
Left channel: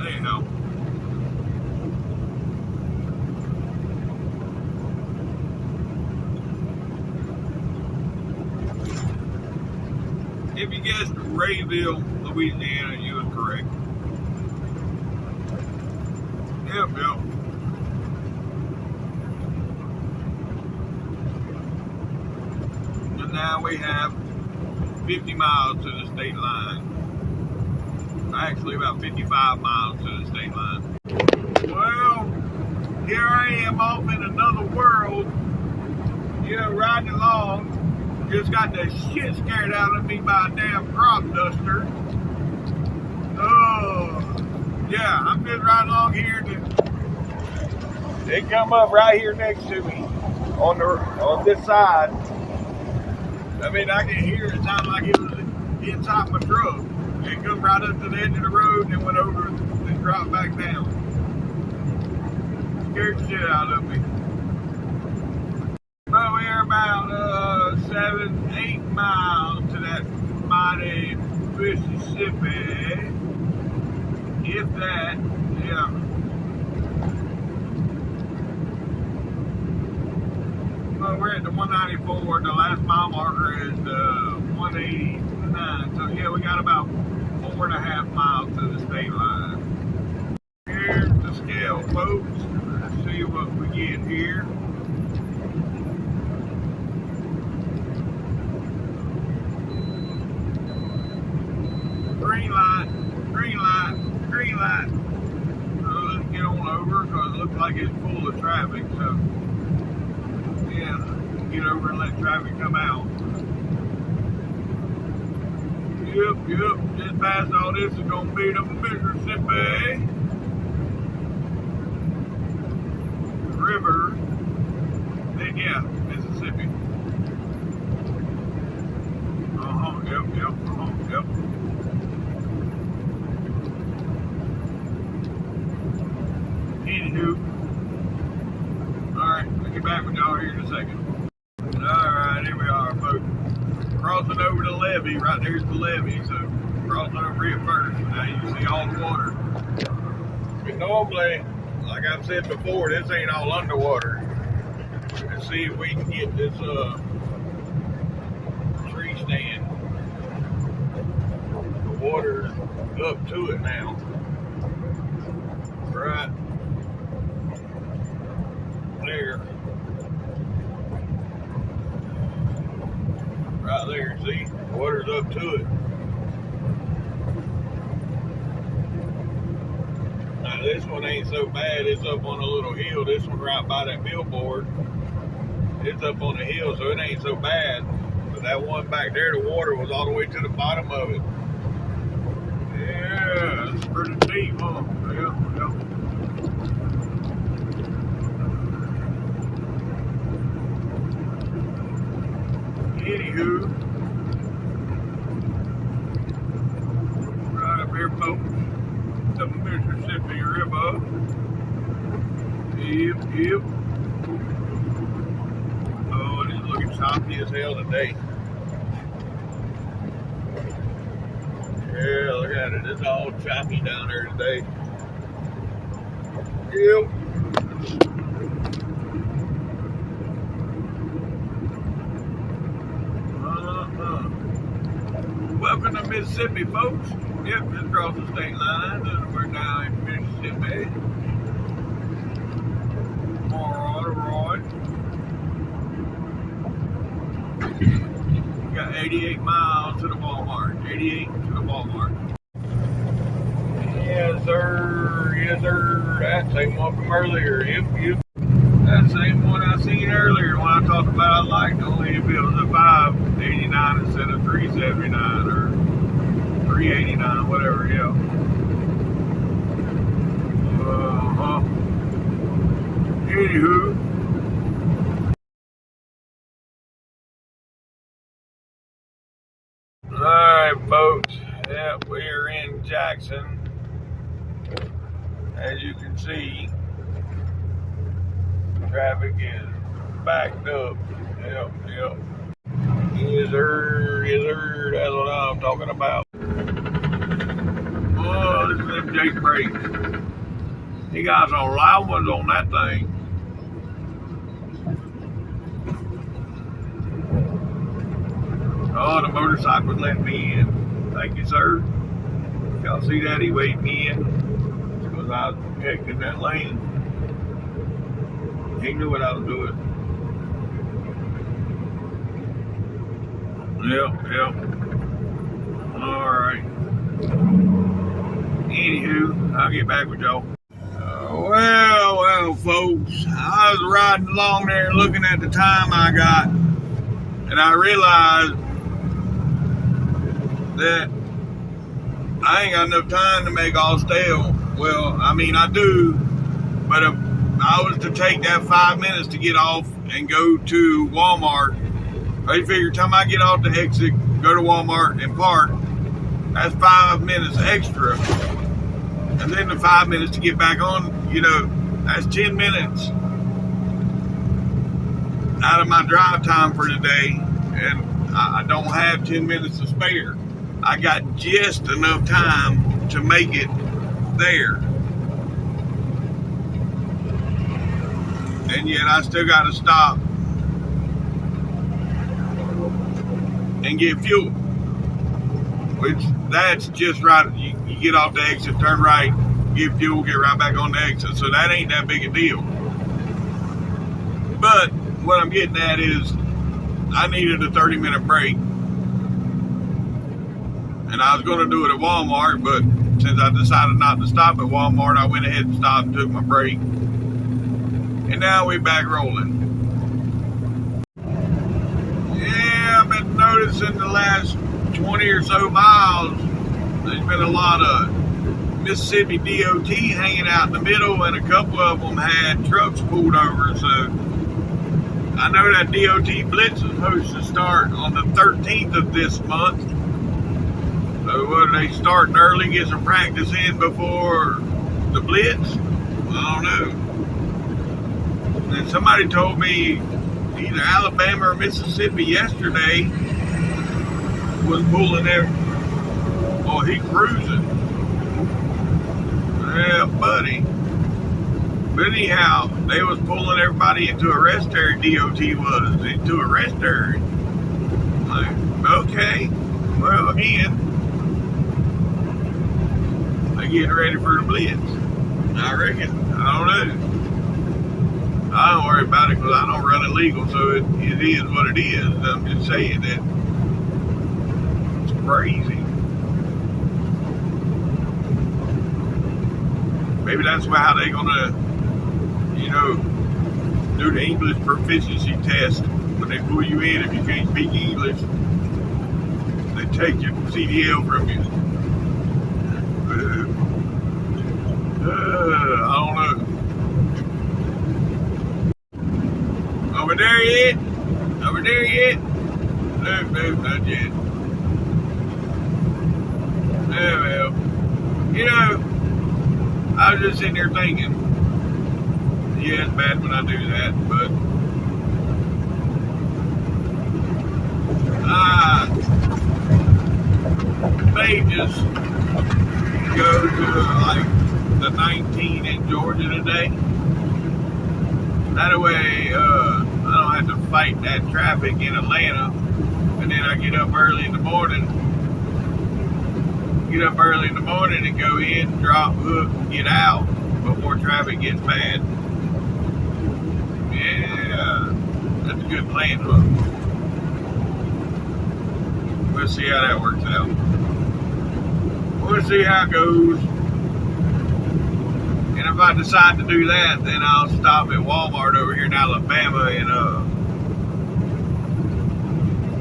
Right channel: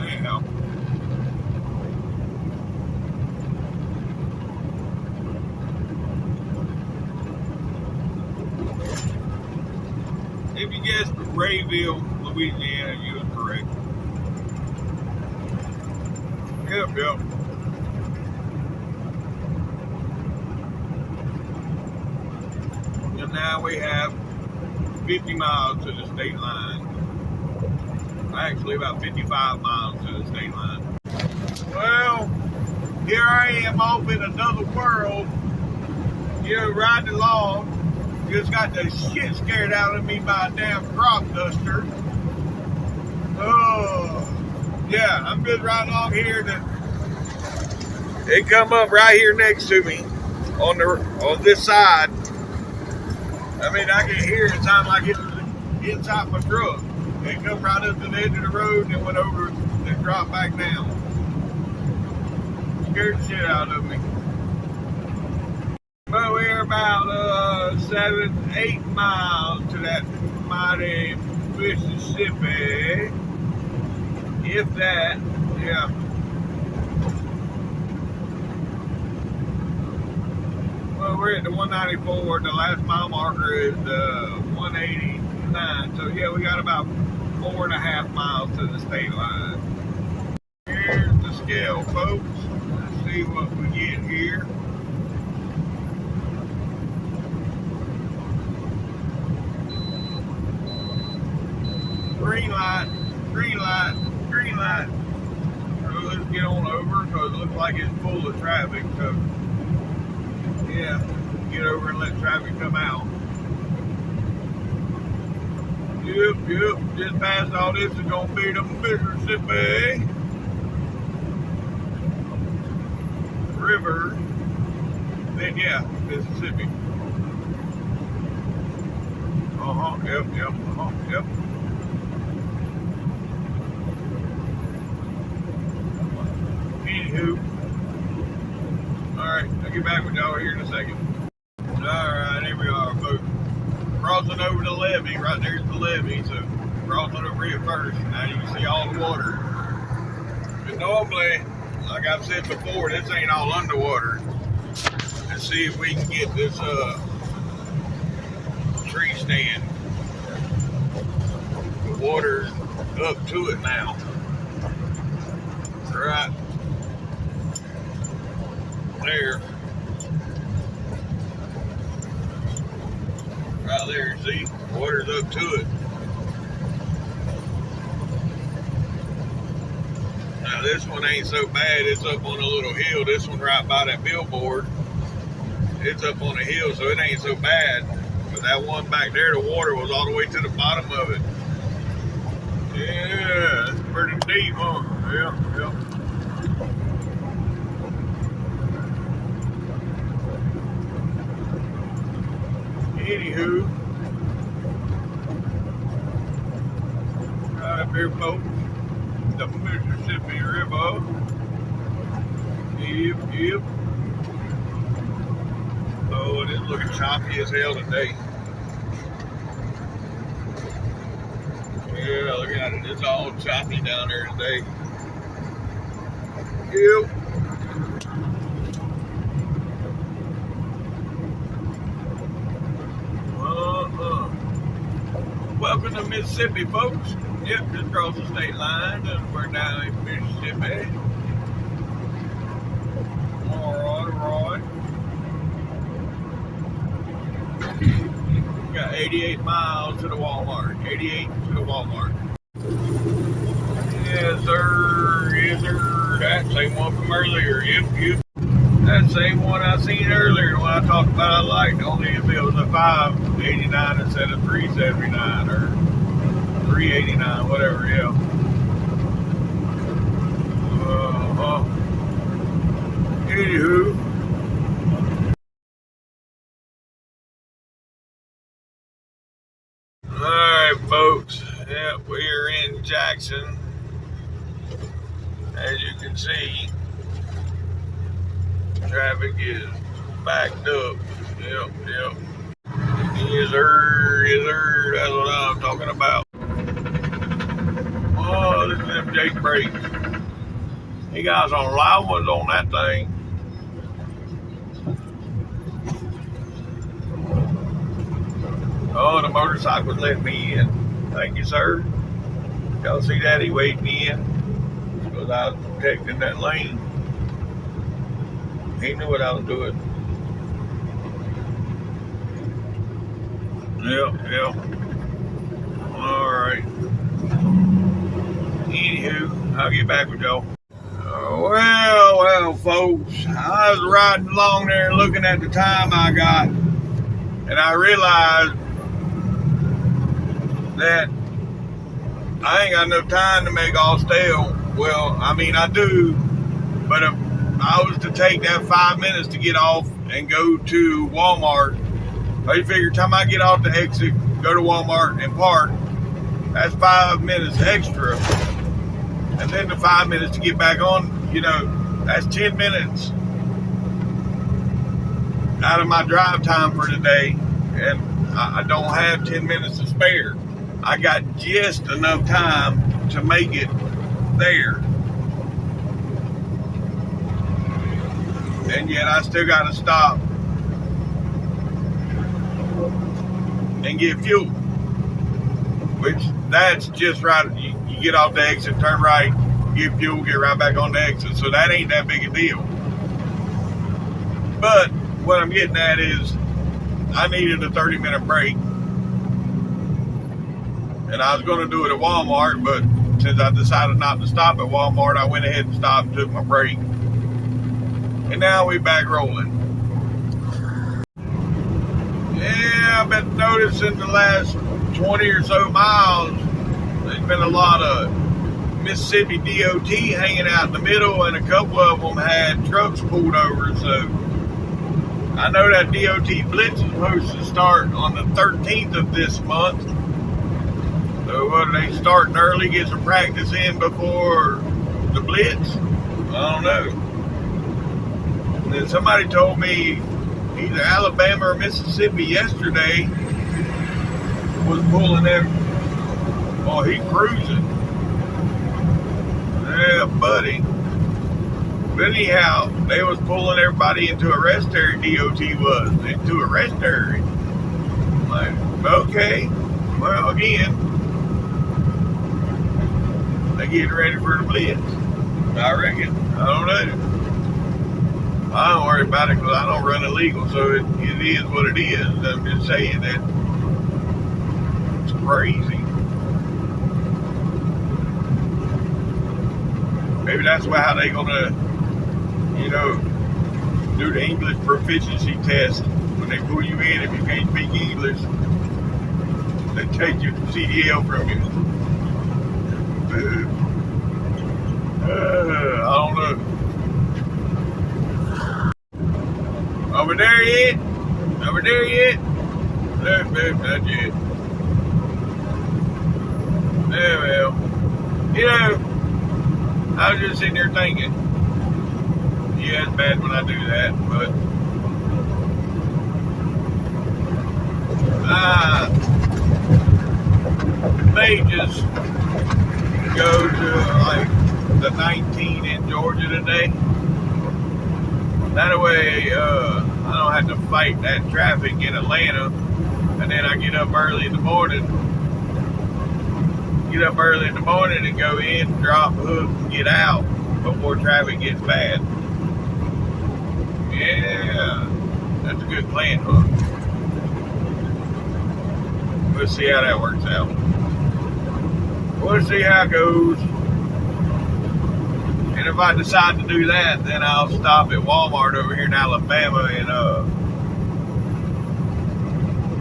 Anyhow. If you guessed Rayville, Louisiana, you was correct. Yep. And now we have 50 miles to the state line. Actually, about 55 miles to the state line. Well, here I am off in another world. You know, riding along. Just got the shit scared out of me by a damn crop duster. Oh, yeah, I'm just riding along here. They come up right here next to me on this side. I mean, I can hear it sound like it was inside my truck. It come right up to the edge of the road and went over and dropped back down. Scared the shit out of me. But we're about 7-8 miles to that mighty Mississippi. If that, yeah. Well, we're at the 194. The last mile marker is 189. So yeah, we got about 4.5 miles to the state line. folks. Let's see what we get here. Green light, green light, green light. So let's get on over because it looks like it's full of traffic. So yeah, get over and let traffic come out. Yep, just past all this is gonna be the Mississippi River. Then yeah, Mississippi. Yep. Anywho, alright, I'll get back with y'all here in a second. Alright, here we are, folks. Crossing over the levee, right there's the levee, so crossing over it first. Now you can see all the water. But normally, like I've said before, this ain't all underwater. Let's see if we can get this tree stand. The water's up to it now. Right there. Right there, see? Water's up to it. Now this one ain't so bad, it's up on a little hill. This one right by that billboard, it's up on a hill, so it ain't so bad. But that one back there, the water was all the way to the bottom of it. Yeah, it's pretty deep, huh? Yeah. Anywho, right up here, folks, the Mississippi River. Yep. Oh, it is looking choppy as hell today. Yeah, look at it. It's all choppy down there today. Yep. Welcome to Mississippi, folks. Yep, just across the state line, and we're now in Mississippi. Alright. We got 88 miles to the Walmart. 88 to the Walmart. Yes, sir. That same one from earlier. Yep. That same one I seen earlier when I talked about I liked, only if it was a 589 instead of 379 or 389, whatever, yeah. Anywho. Alright, folks. Yep, we're in Jackson. As you can see, traffic is backed up. Yep. Yes, sir. That's what I'm talking about. Oh, this is them Jake brakes. He got some loud ones on that thing. Oh, the motorcycle's letting me in. Thank you, sir. Y'all see that? He waved me in because I was protecting that lane. He knew what I was doing. Yep. Alright. Anywho, I'll get back with y'all. Well, folks. I was riding along there looking at the time I got, and I realized that I ain't got enough time to make all stale. Well, I mean, I do, but if I was to take that 5 minutes to get off and go to Walmart, I figure time I get off the exit, go to Walmart and park, that's 5 minutes extra. And then the 5 minutes to get back on, that's 10 minutes out of my drive time for today. And I don't have 10 minutes to spare. I got just enough time to make it there. And yet I still got to stop and get fuel, which that's just right. You get off the exit, turn right, get fuel, get right back on the exit. So that ain't that big a deal. But what I'm getting at is I needed a 30-minute break. And I was going to do it at Walmart, but since I decided not to stop at Walmart, I went ahead and stopped and took my break. And now we're back rolling. Yeah, I've been noticing the last 20 or so miles, there's been a lot of Mississippi DOT hanging out in the middle, and a couple of them had trucks pulled over. So I know that DOT Blitz is supposed to start on the 13th of this month. So what, are they starting early, get some practice in before the Blitz? I don't know. And then somebody told me either Alabama or Mississippi yesterday was pulling there. Oh, he cruising. Yeah, buddy. But anyhow, they was pulling everybody into a rest area. DOT was into a rest area. I'm like, okay. Well, again, they getting ready for the Blitz. I reckon. I don't know. I don't worry about it because I don't run illegal, so it is what it is. I'm just saying that it's crazy. Maybe that's how they're gonna, do the English proficiency test when they pull you in. If you can't speak English, they take your CDL from you. I don't know. Over there yet? Over there yet? No, not yet. Yeah, well, I was just sitting there thinking, yeah, it's bad when I do that, but I may just go to like the 19 in Georgia today. That way, I don't have to fight that traffic in Atlanta, and then I get up early in the morning. And go in, drop, hook, and get out before traffic gets bad. Yeah, that's a good plan, huh? We'll see how that works out. We'll see how it goes. And if I decide to do that, then I'll stop at Walmart over here in Alabama and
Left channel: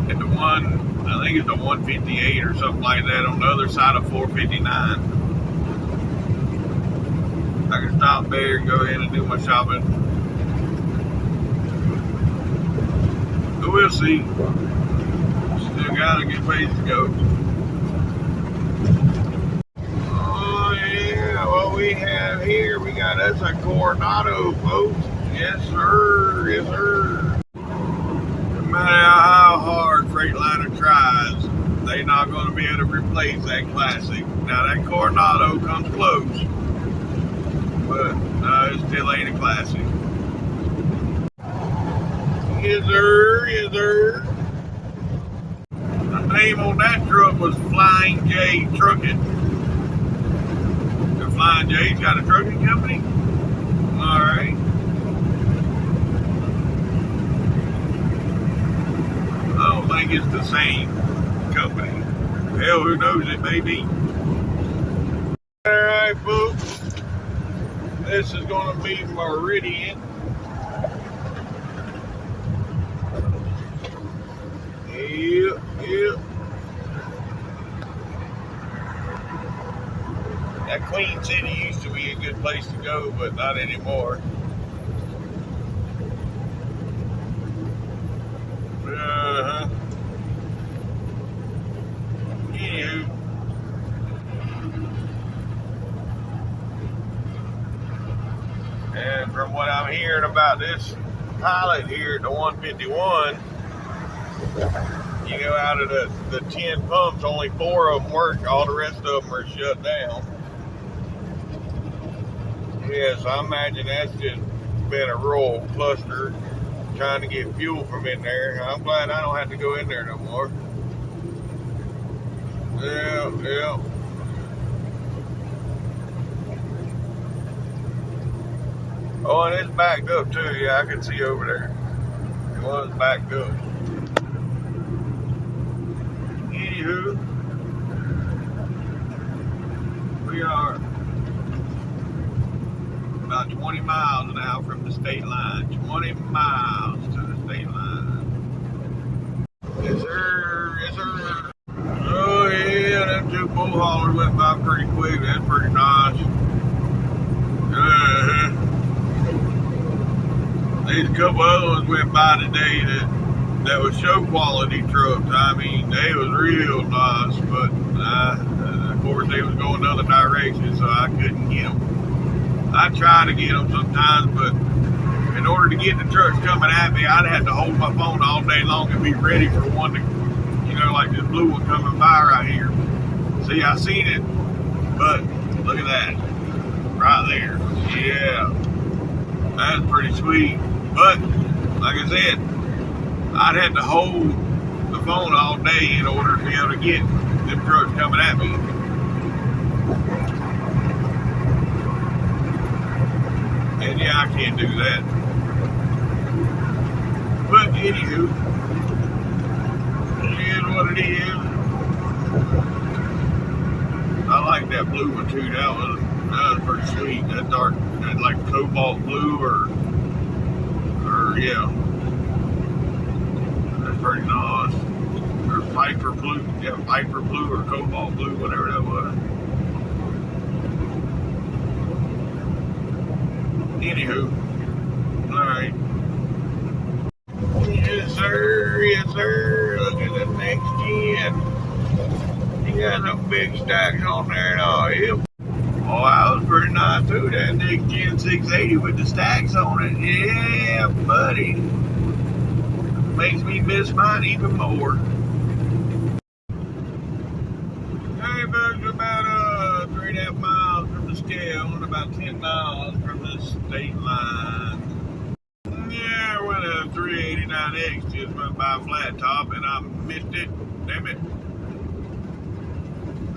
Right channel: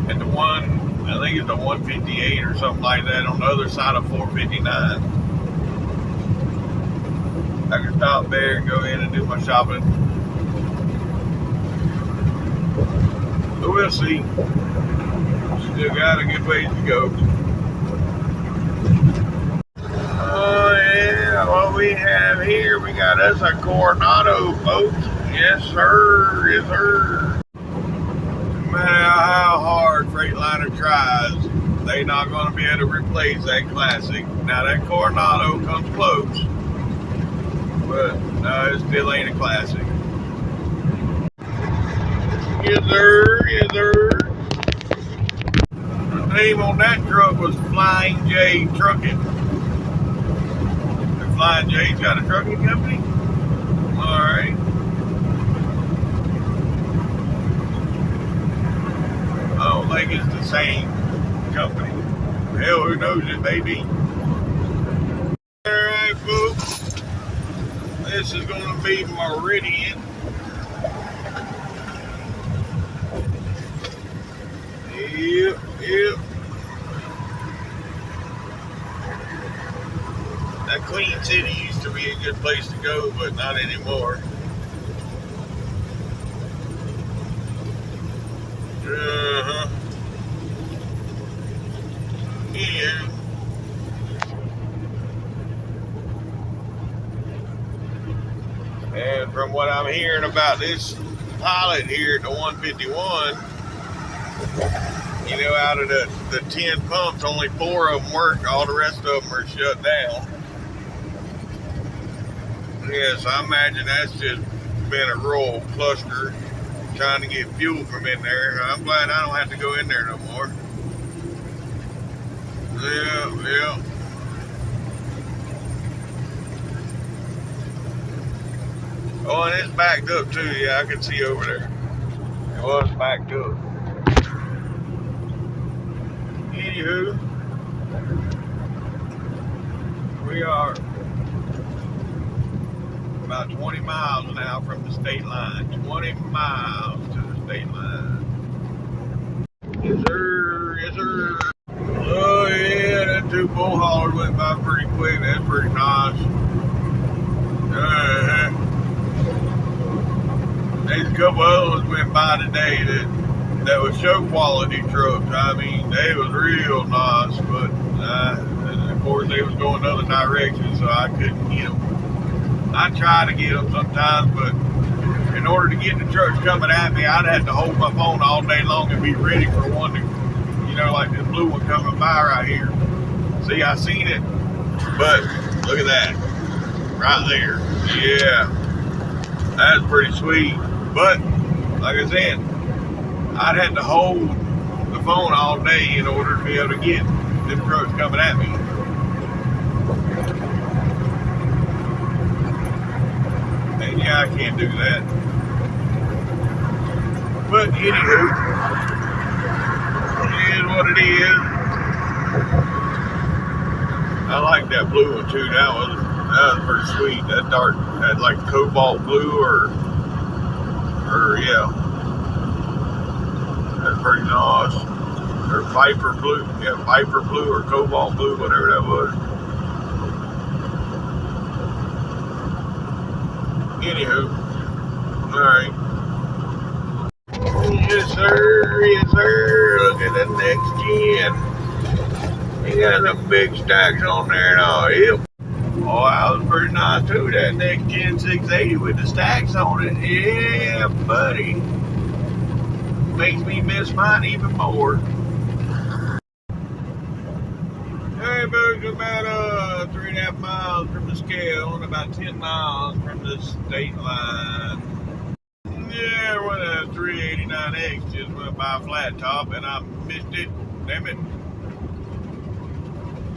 at the one, I think it's the 158 or something like that on the other side of 459. I can stop there and go in and do my shopping. So we'll see. Still got a good ways to go. Oh yeah, what we have here, we got us a Coronado, folks. Yes sir, yes sir. No matter how hard Freightliner tries, they're not going to be able to replace that classic. Now that Coronado comes close, but it still ain't a classic. Yes sir, yes sir. The name on that truck was Flying J Trucking. The Flying J's got a trucking company? Alright. I don't think it's the same company. Hell, who knows, it may be. Alright, folks. This is going to be Meridian. Yep. That Queen City used to be a good place to go, but not anymore. Yeah. And from what I'm hearing about this pilot here at the 151, out of the 10 pumps, only 4 of them work. All the rest of them are shut down. Yes, I imagine that's just been a royal cluster trying to get fuel from in there. I'm glad I don't have to go in there no more. Yeah. Oh, and it's backed up too. Yeah, I can see over there. It was backed up. Anywho, we are about 20 miles now from the state line. 20 miles to the state line. Yes, sir. Yes, sir. Oh, yeah, them two bull haulers went by pretty quick. That's pretty nice. There's a couple other ones went by today that was show quality trucks. I mean, they was real nice, but of course they was going the other direction, so I couldn't get them. I try to get them sometimes, but in order to get the trucks coming at me, I'd have to hold my phone all day long and be ready for one to, like this blue one coming by right here. See, I seen it, but look at that, right there. Yeah, that's pretty sweet. But like I said, I'd have to hold the phone all day in order to be able to get them trucks coming at me. And yeah, I can't do that. But anywho, it is what it is. I like that blue one too. That was pretty sweet. That dark, that like cobalt blue or yeah, that's pretty nice. Or Viper blue, yeah, Viper blue or cobalt blue, whatever that was. Anywho, all right. Yes, sir. Yes, sir. Look at the next gen. You got some big stacks on there and all. Yep. Oh, that was pretty nice too. That next gen 680 with the stacks on it. Yeah, buddy. Makes me miss mine even more. Hey, folks, about 3.5 miles from the scale and about 10 miles from the state line. Yeah, well, 389X just went by flat top and I missed it. Damn it.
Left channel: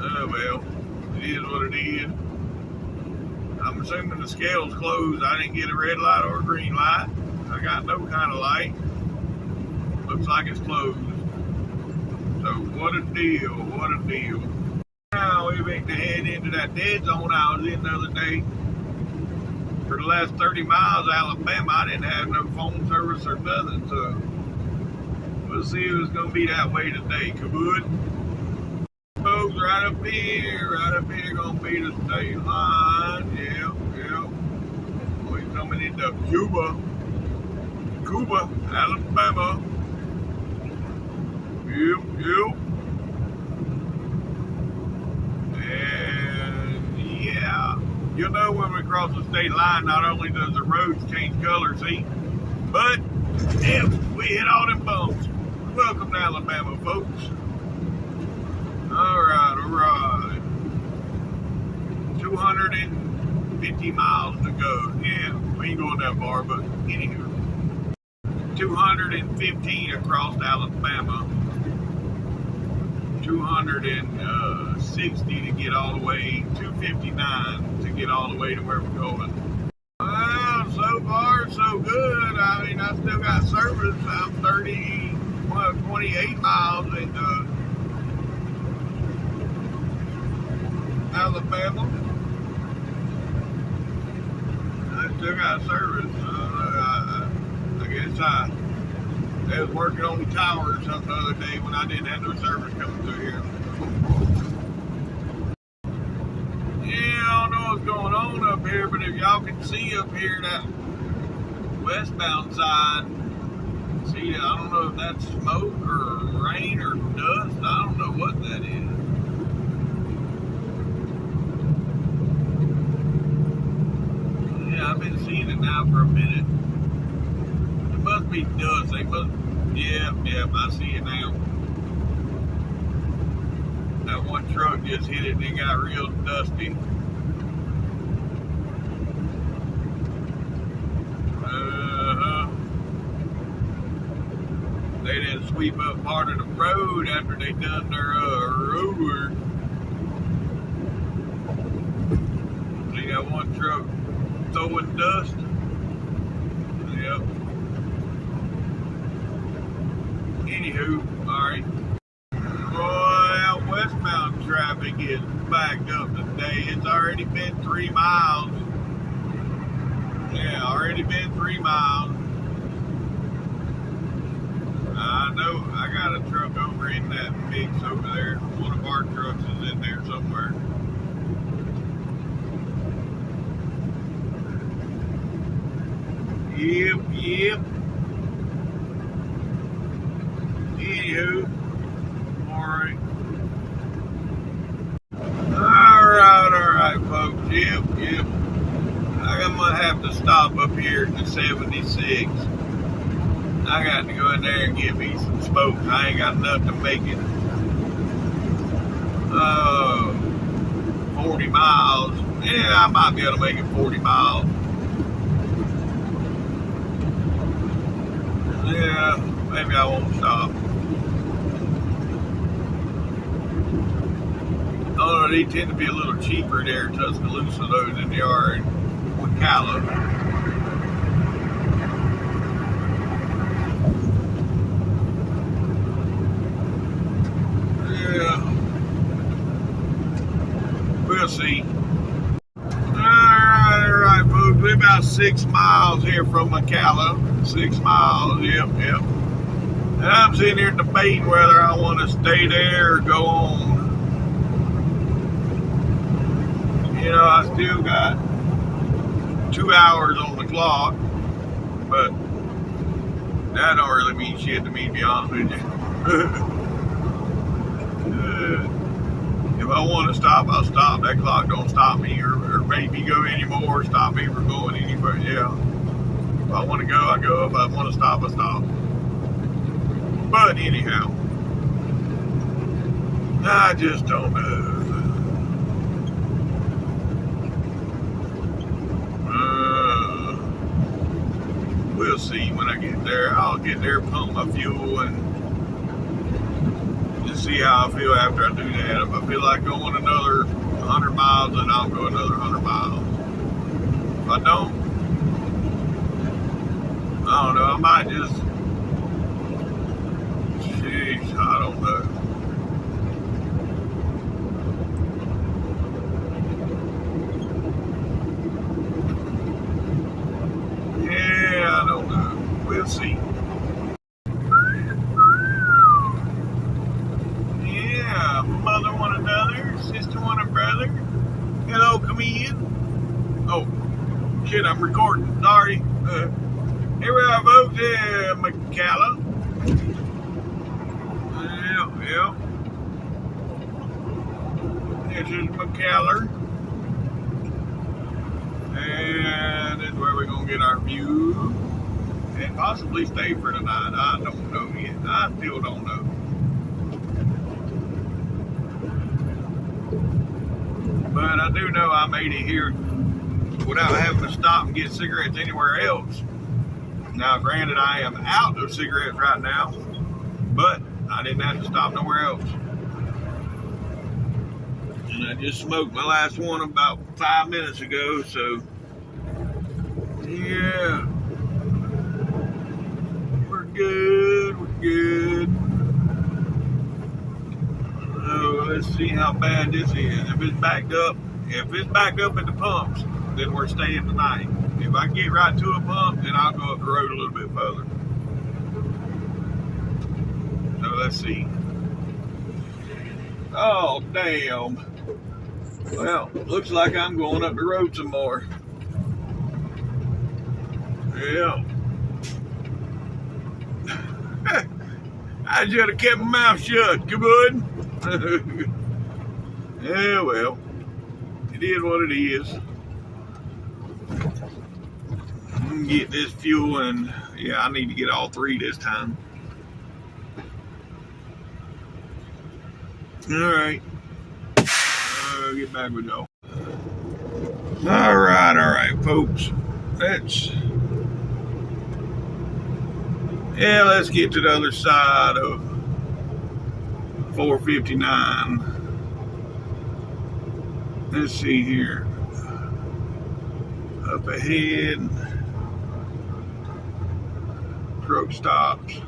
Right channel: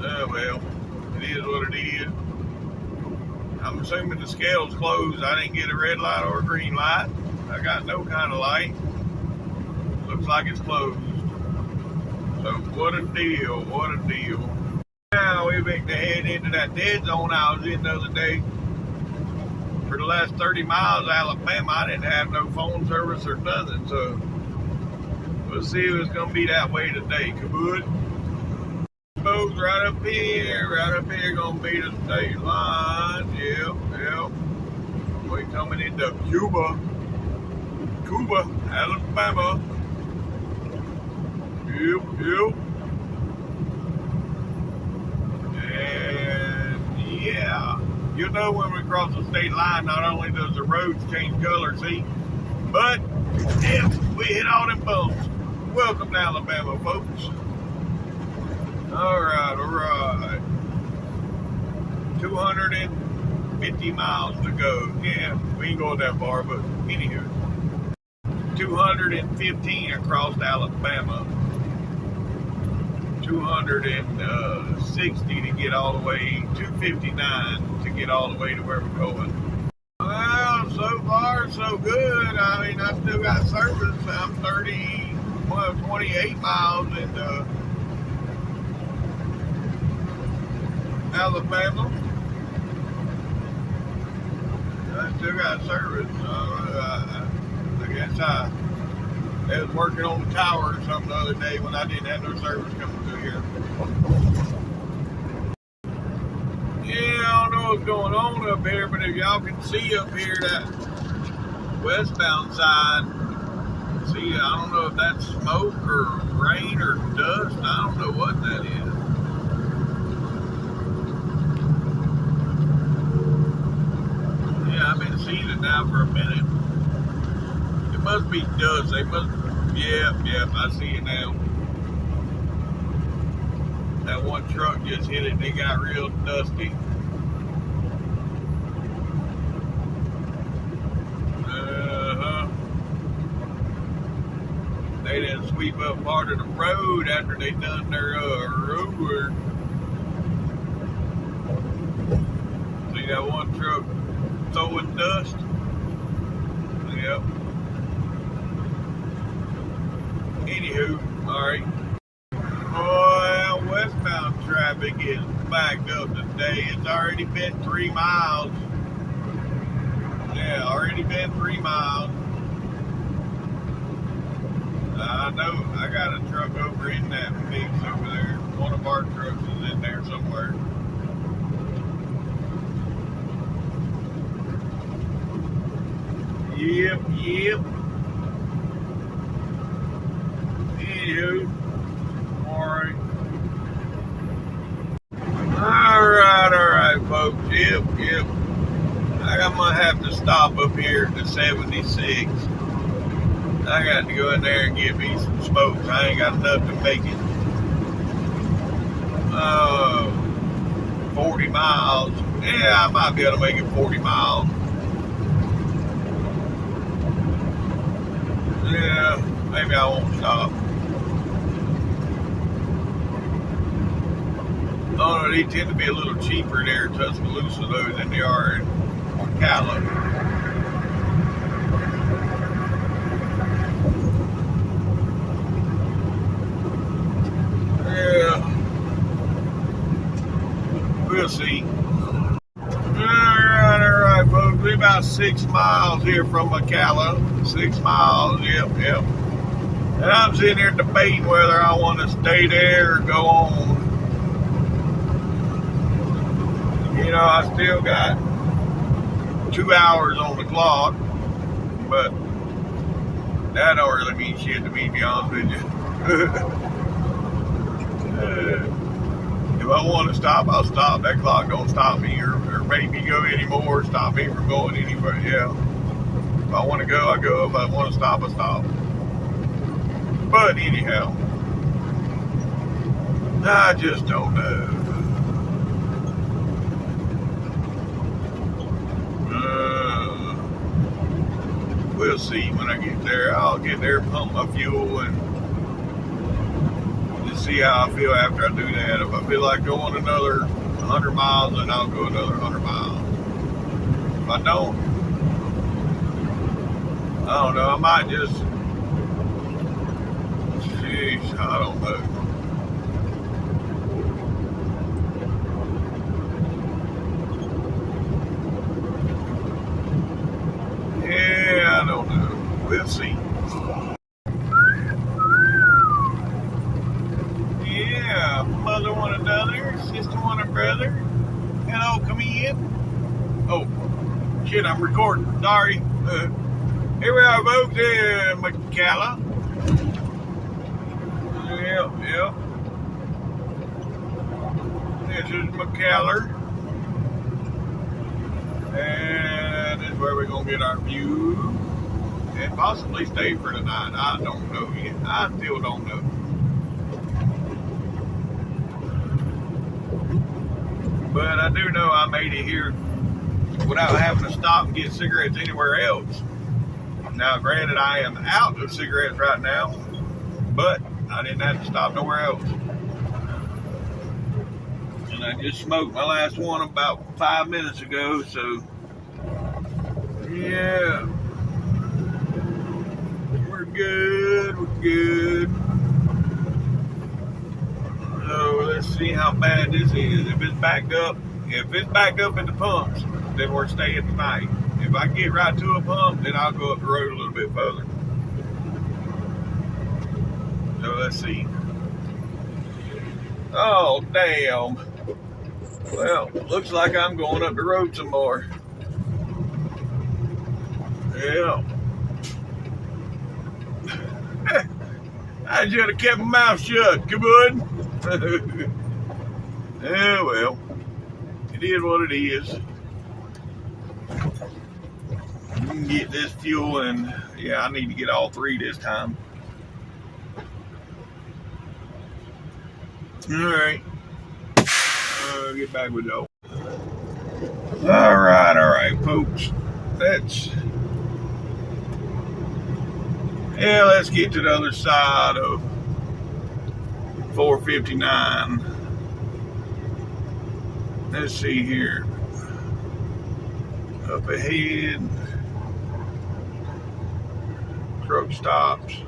Oh, well, it is what it is. I'm assuming the scale's closed. I didn't get a red light or a green light. I got no kind of light. Looks like it's closed. So what a deal, what a deal. Now we make the head into that dead zone I was in the other day. For the last 30 miles of Alabama, I didn't have no phone service or nothing, so we'll see if it's going to be that way today. Kabood. Folks, right up here, going to be the state line. Yep. We're coming into Cuba, Alabama. Yep. And yeah. You'll know when we cross the state line, not only does the roads change color, see, but yeah, we hit all them bumps. Welcome to Alabama, folks. All right. 250 miles to go. Yeah, we ain't going that far, but anywho. 215 across Alabama. 260 to get all the way, 259 to get all the way to where we're going. Well, so far so good. I mean, I still got service. I'm 28 miles into Alabama. I still got service. I guess they was working on the tower or something the other day when I didn't have no service coming through here. Yeah, I don't know what's going on up here, but if y'all can see up here that westbound side, see, I don't know if that's smoke or rain or dust. I don't know what that is. Yeah, I've been seeing it now for a minute. It must be dust. They must. Yep, I see it now. That one truck just hit it and it got real dusty. They didn't sweep up part of the road after they done their road work. See that one truck throwing dust? right. Well, westbound traffic is backed up today. It's already been 3 miles. Yeah, already been 3 miles. I know I got a truck over in that mix over there. One of our trucks is in there somewhere. Yep. Anywho, alright. Alright, folks. Yep. I'm gonna have to stop up here at the 76. I got to go in there and get me some smokes. I ain't got enough to make it 40 miles. Yeah, I might be able to make it 40 miles. Yeah, maybe I won't stop. Oh no, they tend to be a little cheaper there in Tuscaloosa though than they are in Ocala. Yeah, we'll see. Alright, folks. We're about 6 miles here from Ocala. 6 miles, yep. And I'm sitting here debating whether I want to stay there or go on. You know, I still got 2 hours on the clock, but that don't really mean shit to me, to be honest with you. If I want to stop, I'll stop. That clock don't stop me or make me go anymore, stop me from going anywhere. Yeah. If I want to go, I go. If I want to stop, I stop. But anyhow, I just don't know. We'll see when I get there. I'll get there, pump my fuel, and just see how I feel after I do that. If I feel like going another 100 miles, then I'll go another 100 miles. If I don't know. I might just, I don't know. Yeah, I don't know. We'll see. Yeah, mother want another, sister want a brother. Hello, come in. Oh, shit, I'm recording. Sorry. Here we are, folks. Yeah, Ocala. Yep. This is Ocala. And this is where we're going to get our view. And possibly stay for the night. I don't know yet. I still don't know. But I do know I made it here without having to stop and get cigarettes anywhere else. Now, granted, I am out of cigarettes right now, but I didn't have to stop nowhere else. And I just smoked my last one about 5 minutes ago, so yeah. We're good. So let's see how bad this is. If it's backed up at the pumps, then we're staying tonight. If I get right to a pump, then I'll go up the road a little bit further. So let's see. Oh, damn. Well, looks like I'm going up the road some more. Yeah. I should have kept my mouth shut. Come on. Yeah, well, it is what it is. Get this fuel, and yeah, I need to get all 3 this time. All right. Get back with y'all. All right, folks. Let's get to the other side of 459. Let's see here. Up ahead, truck stops.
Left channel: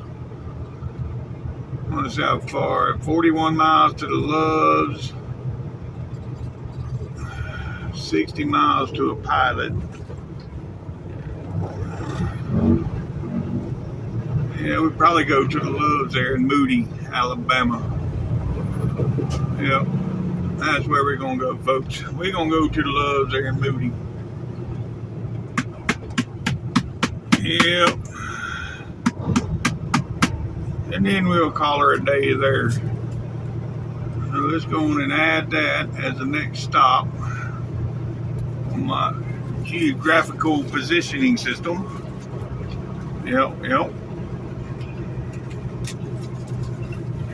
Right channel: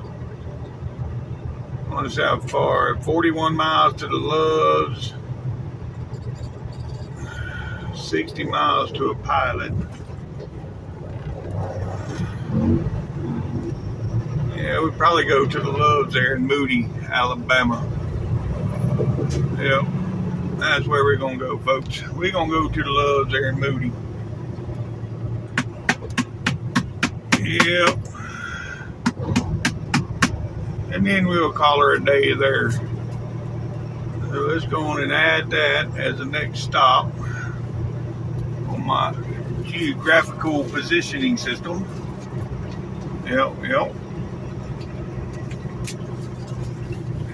I want to see how far. 41 miles to the Loves. 60 miles to a Pilot. Yeah, we probably go to the Loves there in Moody, Alabama. Yep, that's where we're gonna go, folks. We're gonna go to the Loves there in Moody. Yep. And then we'll call her a day there. So let's go on and add that as the next stop on my geographical positioning system. Yep.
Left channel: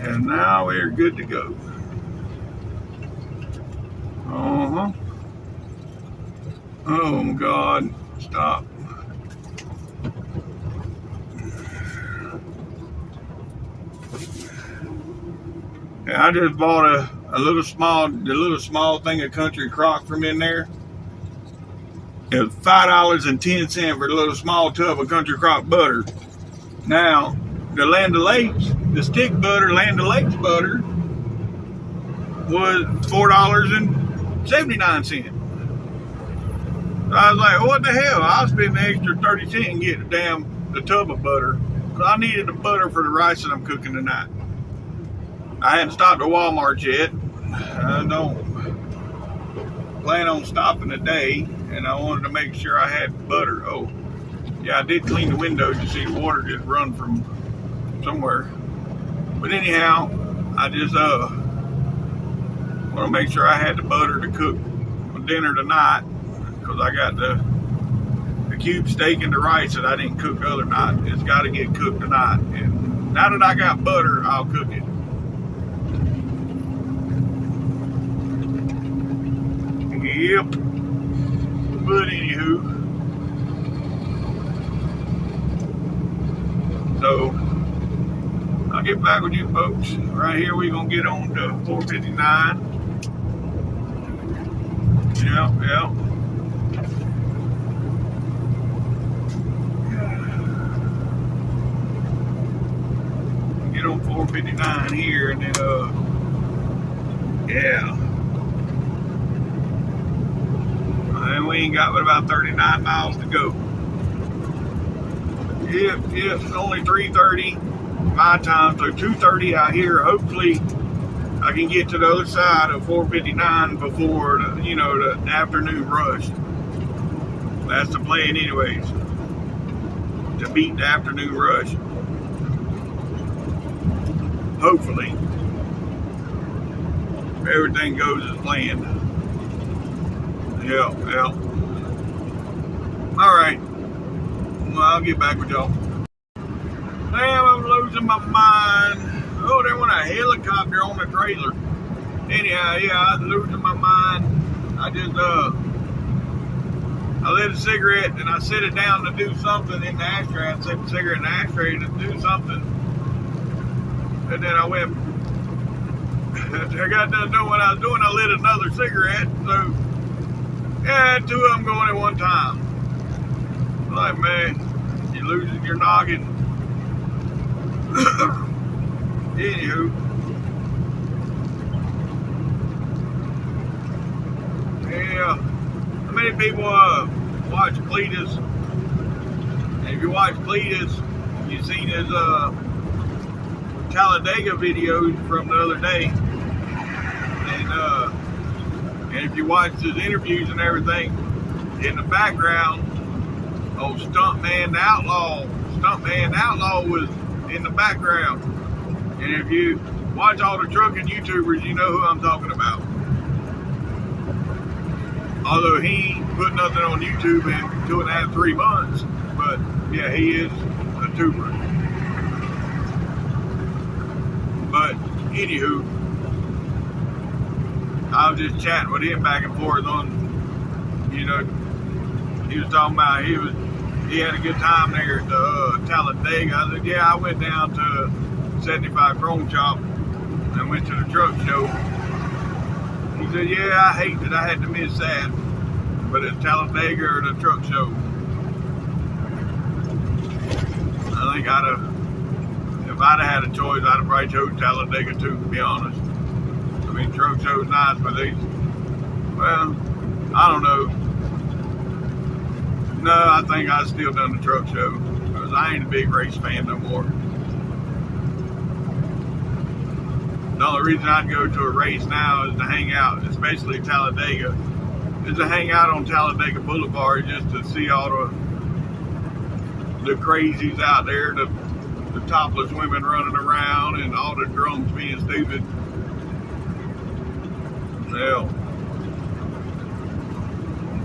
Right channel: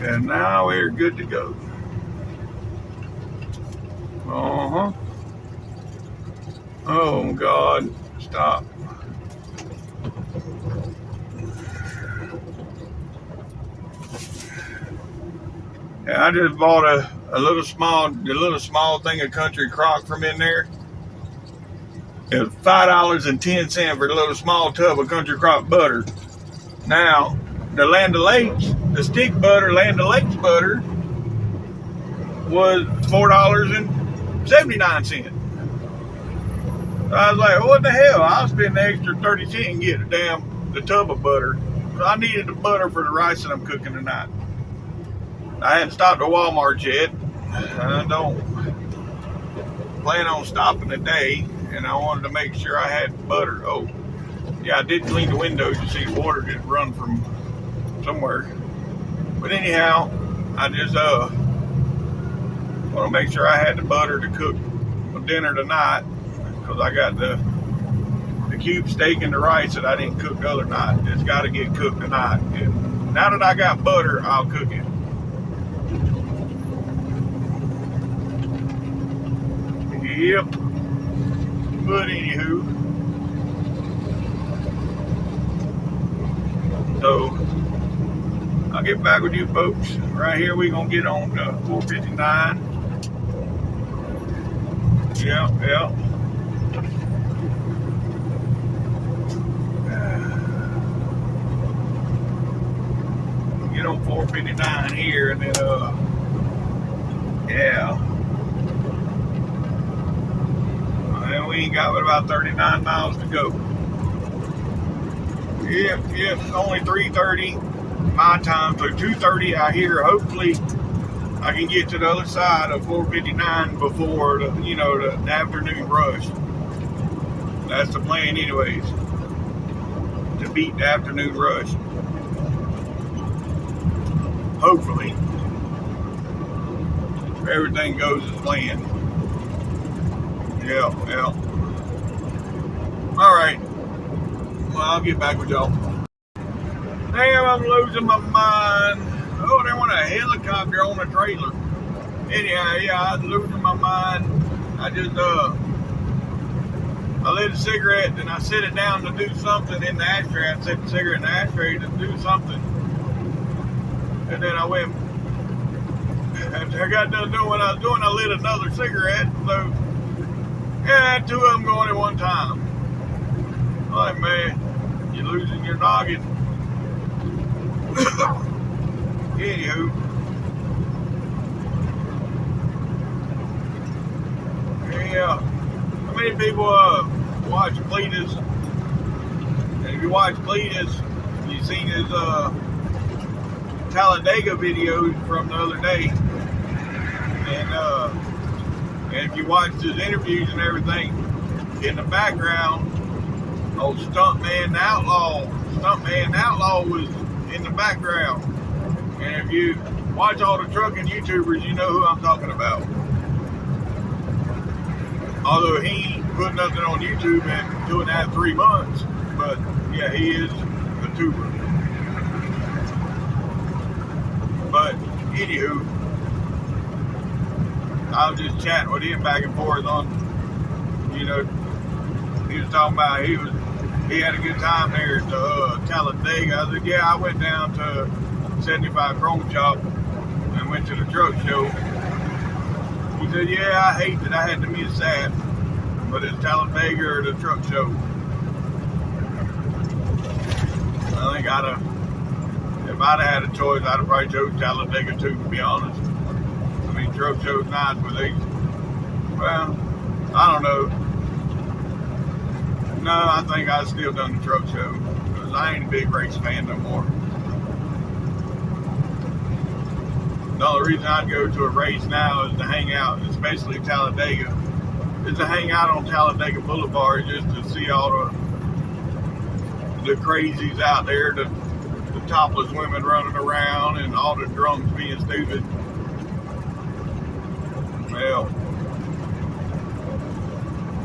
And now we're good to go. Oh my God, stop. Yeah, I just bought a little small thing of country crock from in there. It was $5.10 for the little small tub of country crock butter. Now, the Land O'Lakes, the stick butter, Land O'Lakes butter, was $4.79. So I was like, what the hell? I'll spend the extra 30 cents and get the tub of butter. So I needed the butter for the rice that I'm cooking tonight. I hadn't stopped at Walmart yet. I don't plan on stopping today, and I wanted to make sure I had butter. Oh, yeah, I did clean the windows. You see water just run from somewhere. But anyhow, I just want to make sure I had the butter to cook my dinner tonight, because I got the cube steak and the rice that I didn't cook the other night. It's got to get cooked tonight. And now that I got butter, I'll cook it. Yep. But anywho, so I'll get back with you folks. Right here, we're gonna get on to 459. Yep. Get on 459 here, and then yeah. And we ain't got but about 39 miles to go. Yep, it's only 3:30 my time, so 2:30 out here. Hopefully I can get to the other side of 459 before the afternoon rush. That's the plan anyways, to beat the afternoon rush. Hopefully everything goes as planned. Yeah. All right. Well, I'll get back with y'all. Damn, I'm losing my mind. Oh, they want a helicopter on a trailer. Anyhow, yeah, I'm losing my mind. I just, I lit a cigarette and I set it down to do something in the ashtray. I set the cigarette in the ashtray to do something. And then I went, after I got done doing what I was doing, I lit another cigarette. So, yeah, two of them going at one time. Like, man, you're losing your noggin. Anywho. Yeah. How many people watch Cletus? And if you watch Cletus, you've seen his Talladega videos from the other day. And if you watched his interviews and everything, in the background, old Stuntman Outlaw was in the background. And if you watch all the trucking YouTubers, you know who I'm talking about. Although he ain't put nothing on YouTube in 2.5, 3 months. But yeah, he is a tuber. But anywho, I was just chatting with him back and forth on, he was talking about he had a good time there at the Talladega. I said, yeah, I went down to 75 Chrome Shop and went to the truck show. He said, yeah, I hate that I had to miss that, but it's Talladega or the truck show. I think if if I'd have had a choice, I'd have probably chose Talladega too, to be honest. I mean, truck show's nice, but these, well, I don't know. No, I think I'd still done the truck show because I ain't a big race fan no more. The only reason I'd go to a race now is to hang out, especially Talladega, is to hang out on Talladega Boulevard just to see all the crazies out there, the topless women running around and all the drunks being stupid. Well,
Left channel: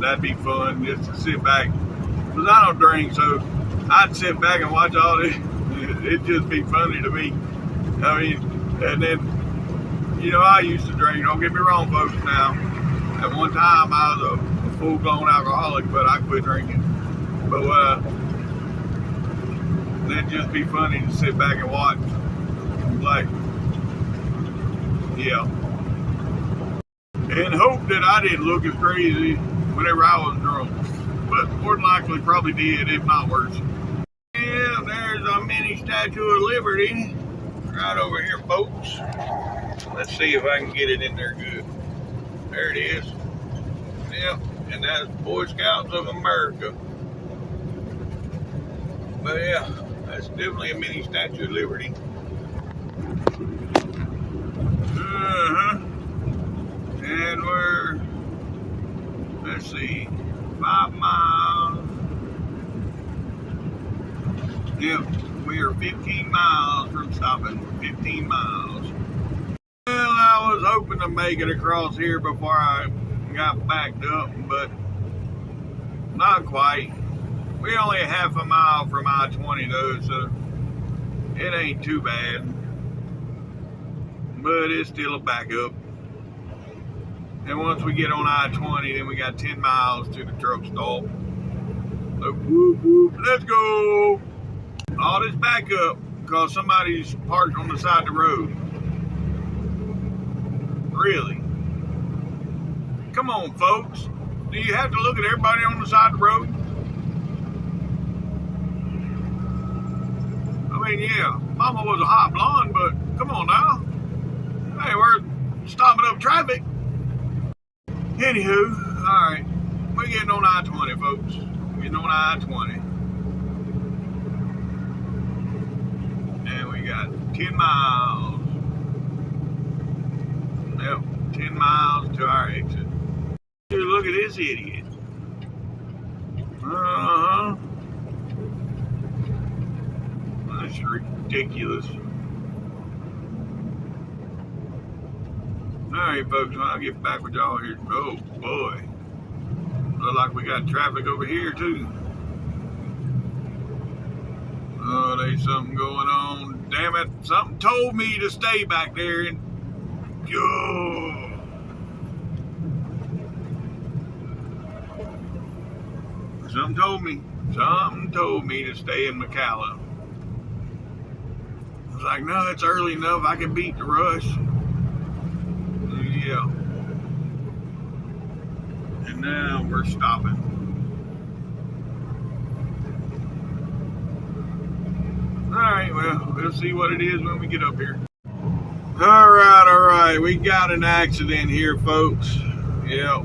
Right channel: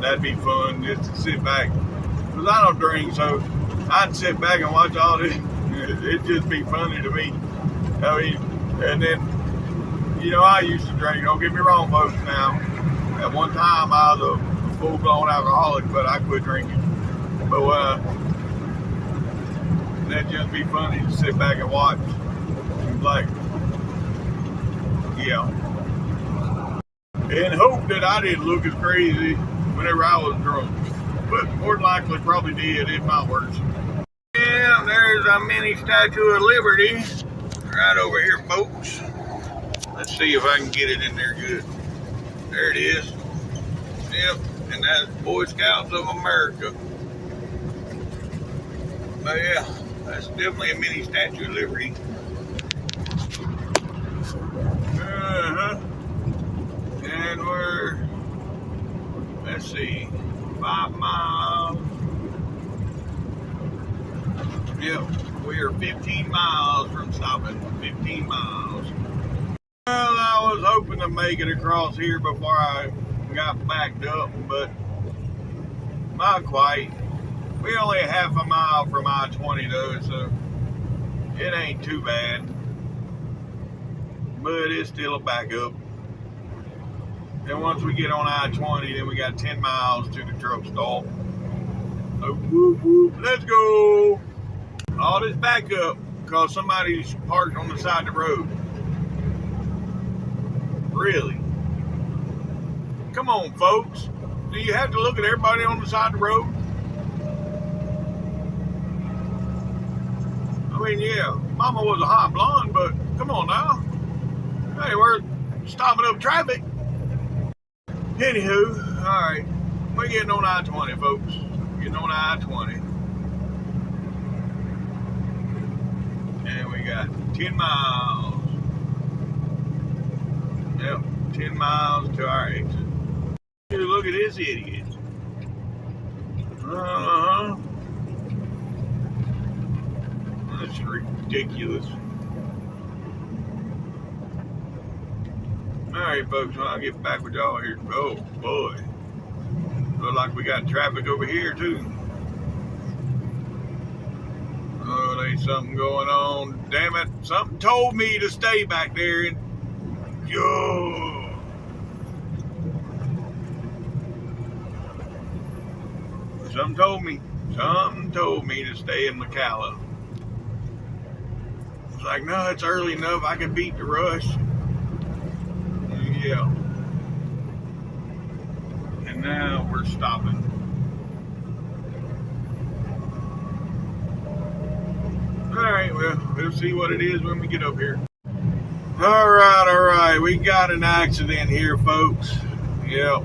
that'd be fun just to sit back. Because I don't drink, so I'd sit back and watch all this. It'd just be funny to me. I mean, and then, you know, I used to drink. Don't get me wrong, folks, now. At one time, I was a full-blown alcoholic, but I quit drinking. But that'd just be funny to sit back and watch. Like, yeah. And hope that I didn't look as crazy whenever I was drunk. But more than likely probably did, if not worse. Yeah, there's a mini Statue of Liberty right over here, folks. Let's see if I can get it in there good. There it is. Yep, and that's Boy Scouts of America. But yeah, that's definitely a mini Statue of Liberty. And we're, let's see, 5 miles. Yep, we are 15 miles from stopping. 15 miles. Well, I was hoping to make it across here before I got backed up, but not quite. We only half a mile from I-20 though, so it ain't too bad. But it's still a backup. And once we get on I-20, then we got 10 miles to the truck stop. So whoop whoop, let's go. All this backup because somebody's parked on the side of the road. Really? Come on, folks. Do you have to look at everybody on the side of the road? I mean, yeah, Mama was a hot blonde, but come on now. Hey, we're stopping up traffic. Anywho, all right, we're getting on I-20, folks. Getting on I-20. And we got 10 miles. Yep, 10 miles to our exit. Dude, look at this idiot. That's ridiculous. Alright, folks, when I get back with y'all here. Oh, boy. Look like we got traffic over here, too. Oh, there's something going on. Damn it. Something told me to stay back there and... Oh. Something told me to stay in McCalla. I was like, no, it's early enough. I can beat the rush. Yeah. And now we're stopping. Alright, well, we'll see what it is when we get up here. Alright. We got an accident here, folks. Yep.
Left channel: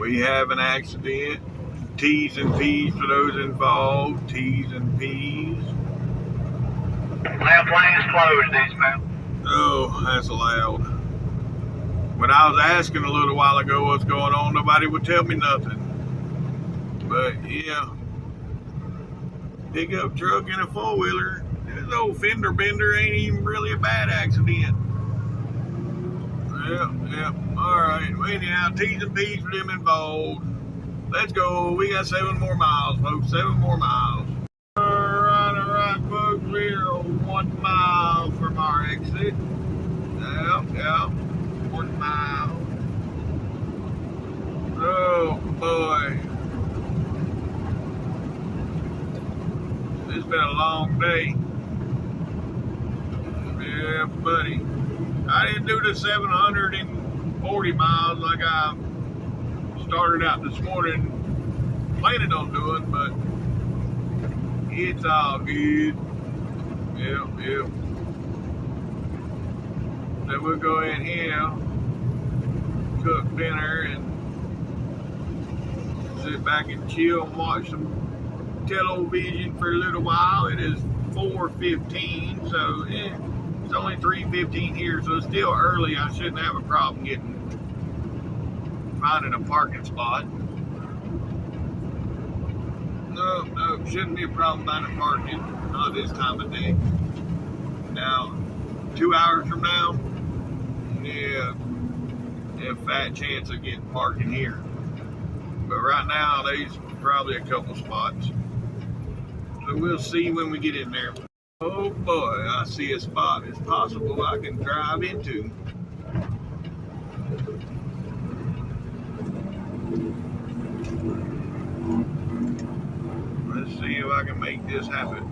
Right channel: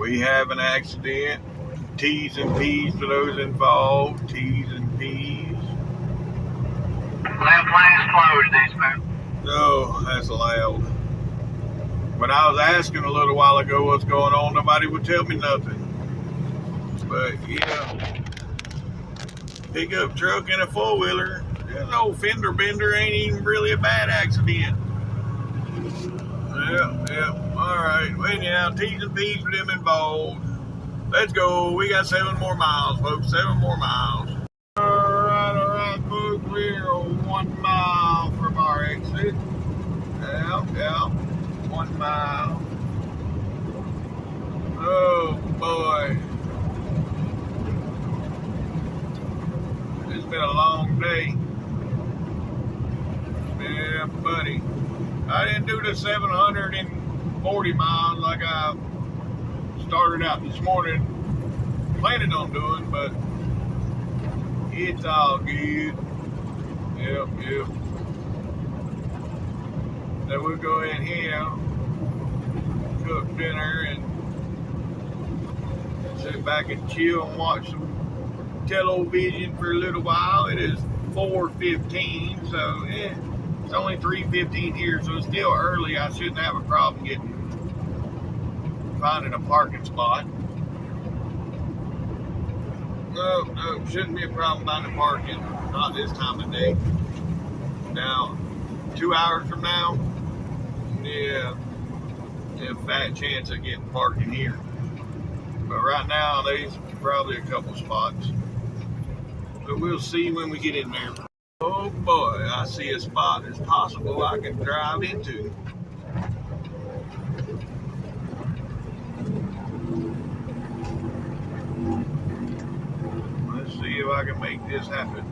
We have an accident. T's and P's for those involved. T's and P's. Left lane is closed, eastbound. Oh, that's loud. When I was asking a little while ago what's going on, nobody would tell me nothing. But yeah, pickup truck and a four-wheeler. This old fender bender ain't even really a bad accident. Yep. All right. Well, anyhow, T's and P's for them involved. Let's go. We got 7 more miles, folks. 7 more miles. All right, folks. We're 1 mile from our exit. Yep. 1 mile. Oh, boy. It's been a long day. Yeah, buddy. I didn't do the 740 miles like I started out this morning planning on doing, but It's all good. Yep. So we'll go in here, cook dinner, and sit back and chill and watch some television for a little while. It is 4:15, so it's only 3:15 here, so it's still early. I shouldn't have a problem finding a parking spot. No, shouldn't be a problem finding parking. Not this time of day. Now, 2 hours from now, yeah, fat chance of getting parking here. But right now, there's probably a couple spots. So we'll see when we get in there. Oh boy, I see a spot it's possible I can drive into. Let's see if I can make this happen.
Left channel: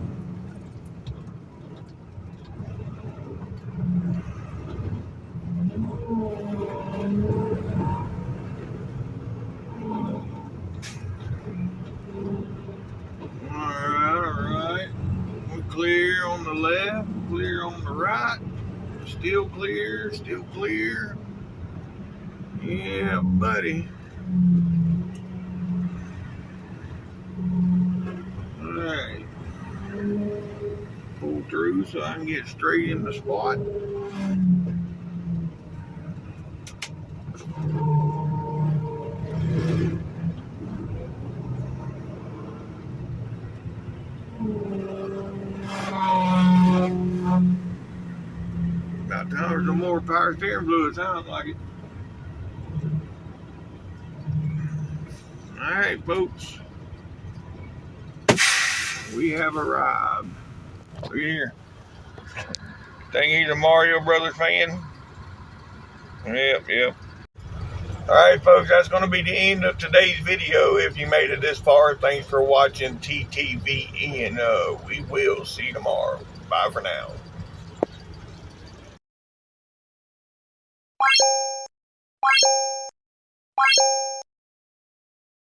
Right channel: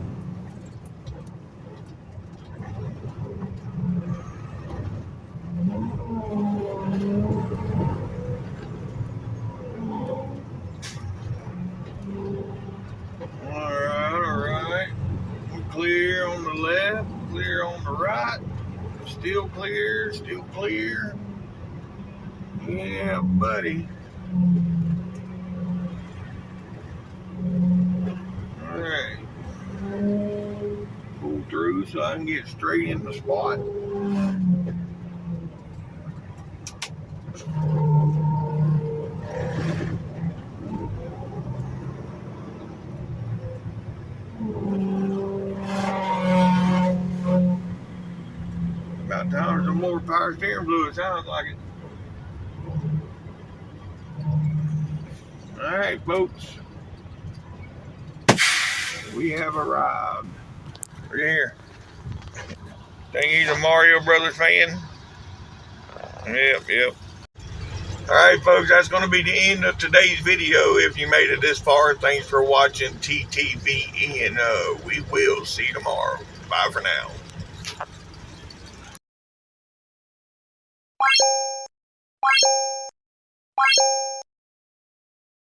Alright. We're clear on the left, clear on the right. Still clear. Yeah, buddy. Alright. Pull through so I can get straight in the spot. About time for some more power steering fluid, sounds like it. Alright, folks. We have arrived. We're here. Think he's a Mario Brothers fan? Yep. Alright, folks, that's going to be the end of today's video. If you made it this far, thanks for watching TTVN. We will see you tomorrow. Bye for now.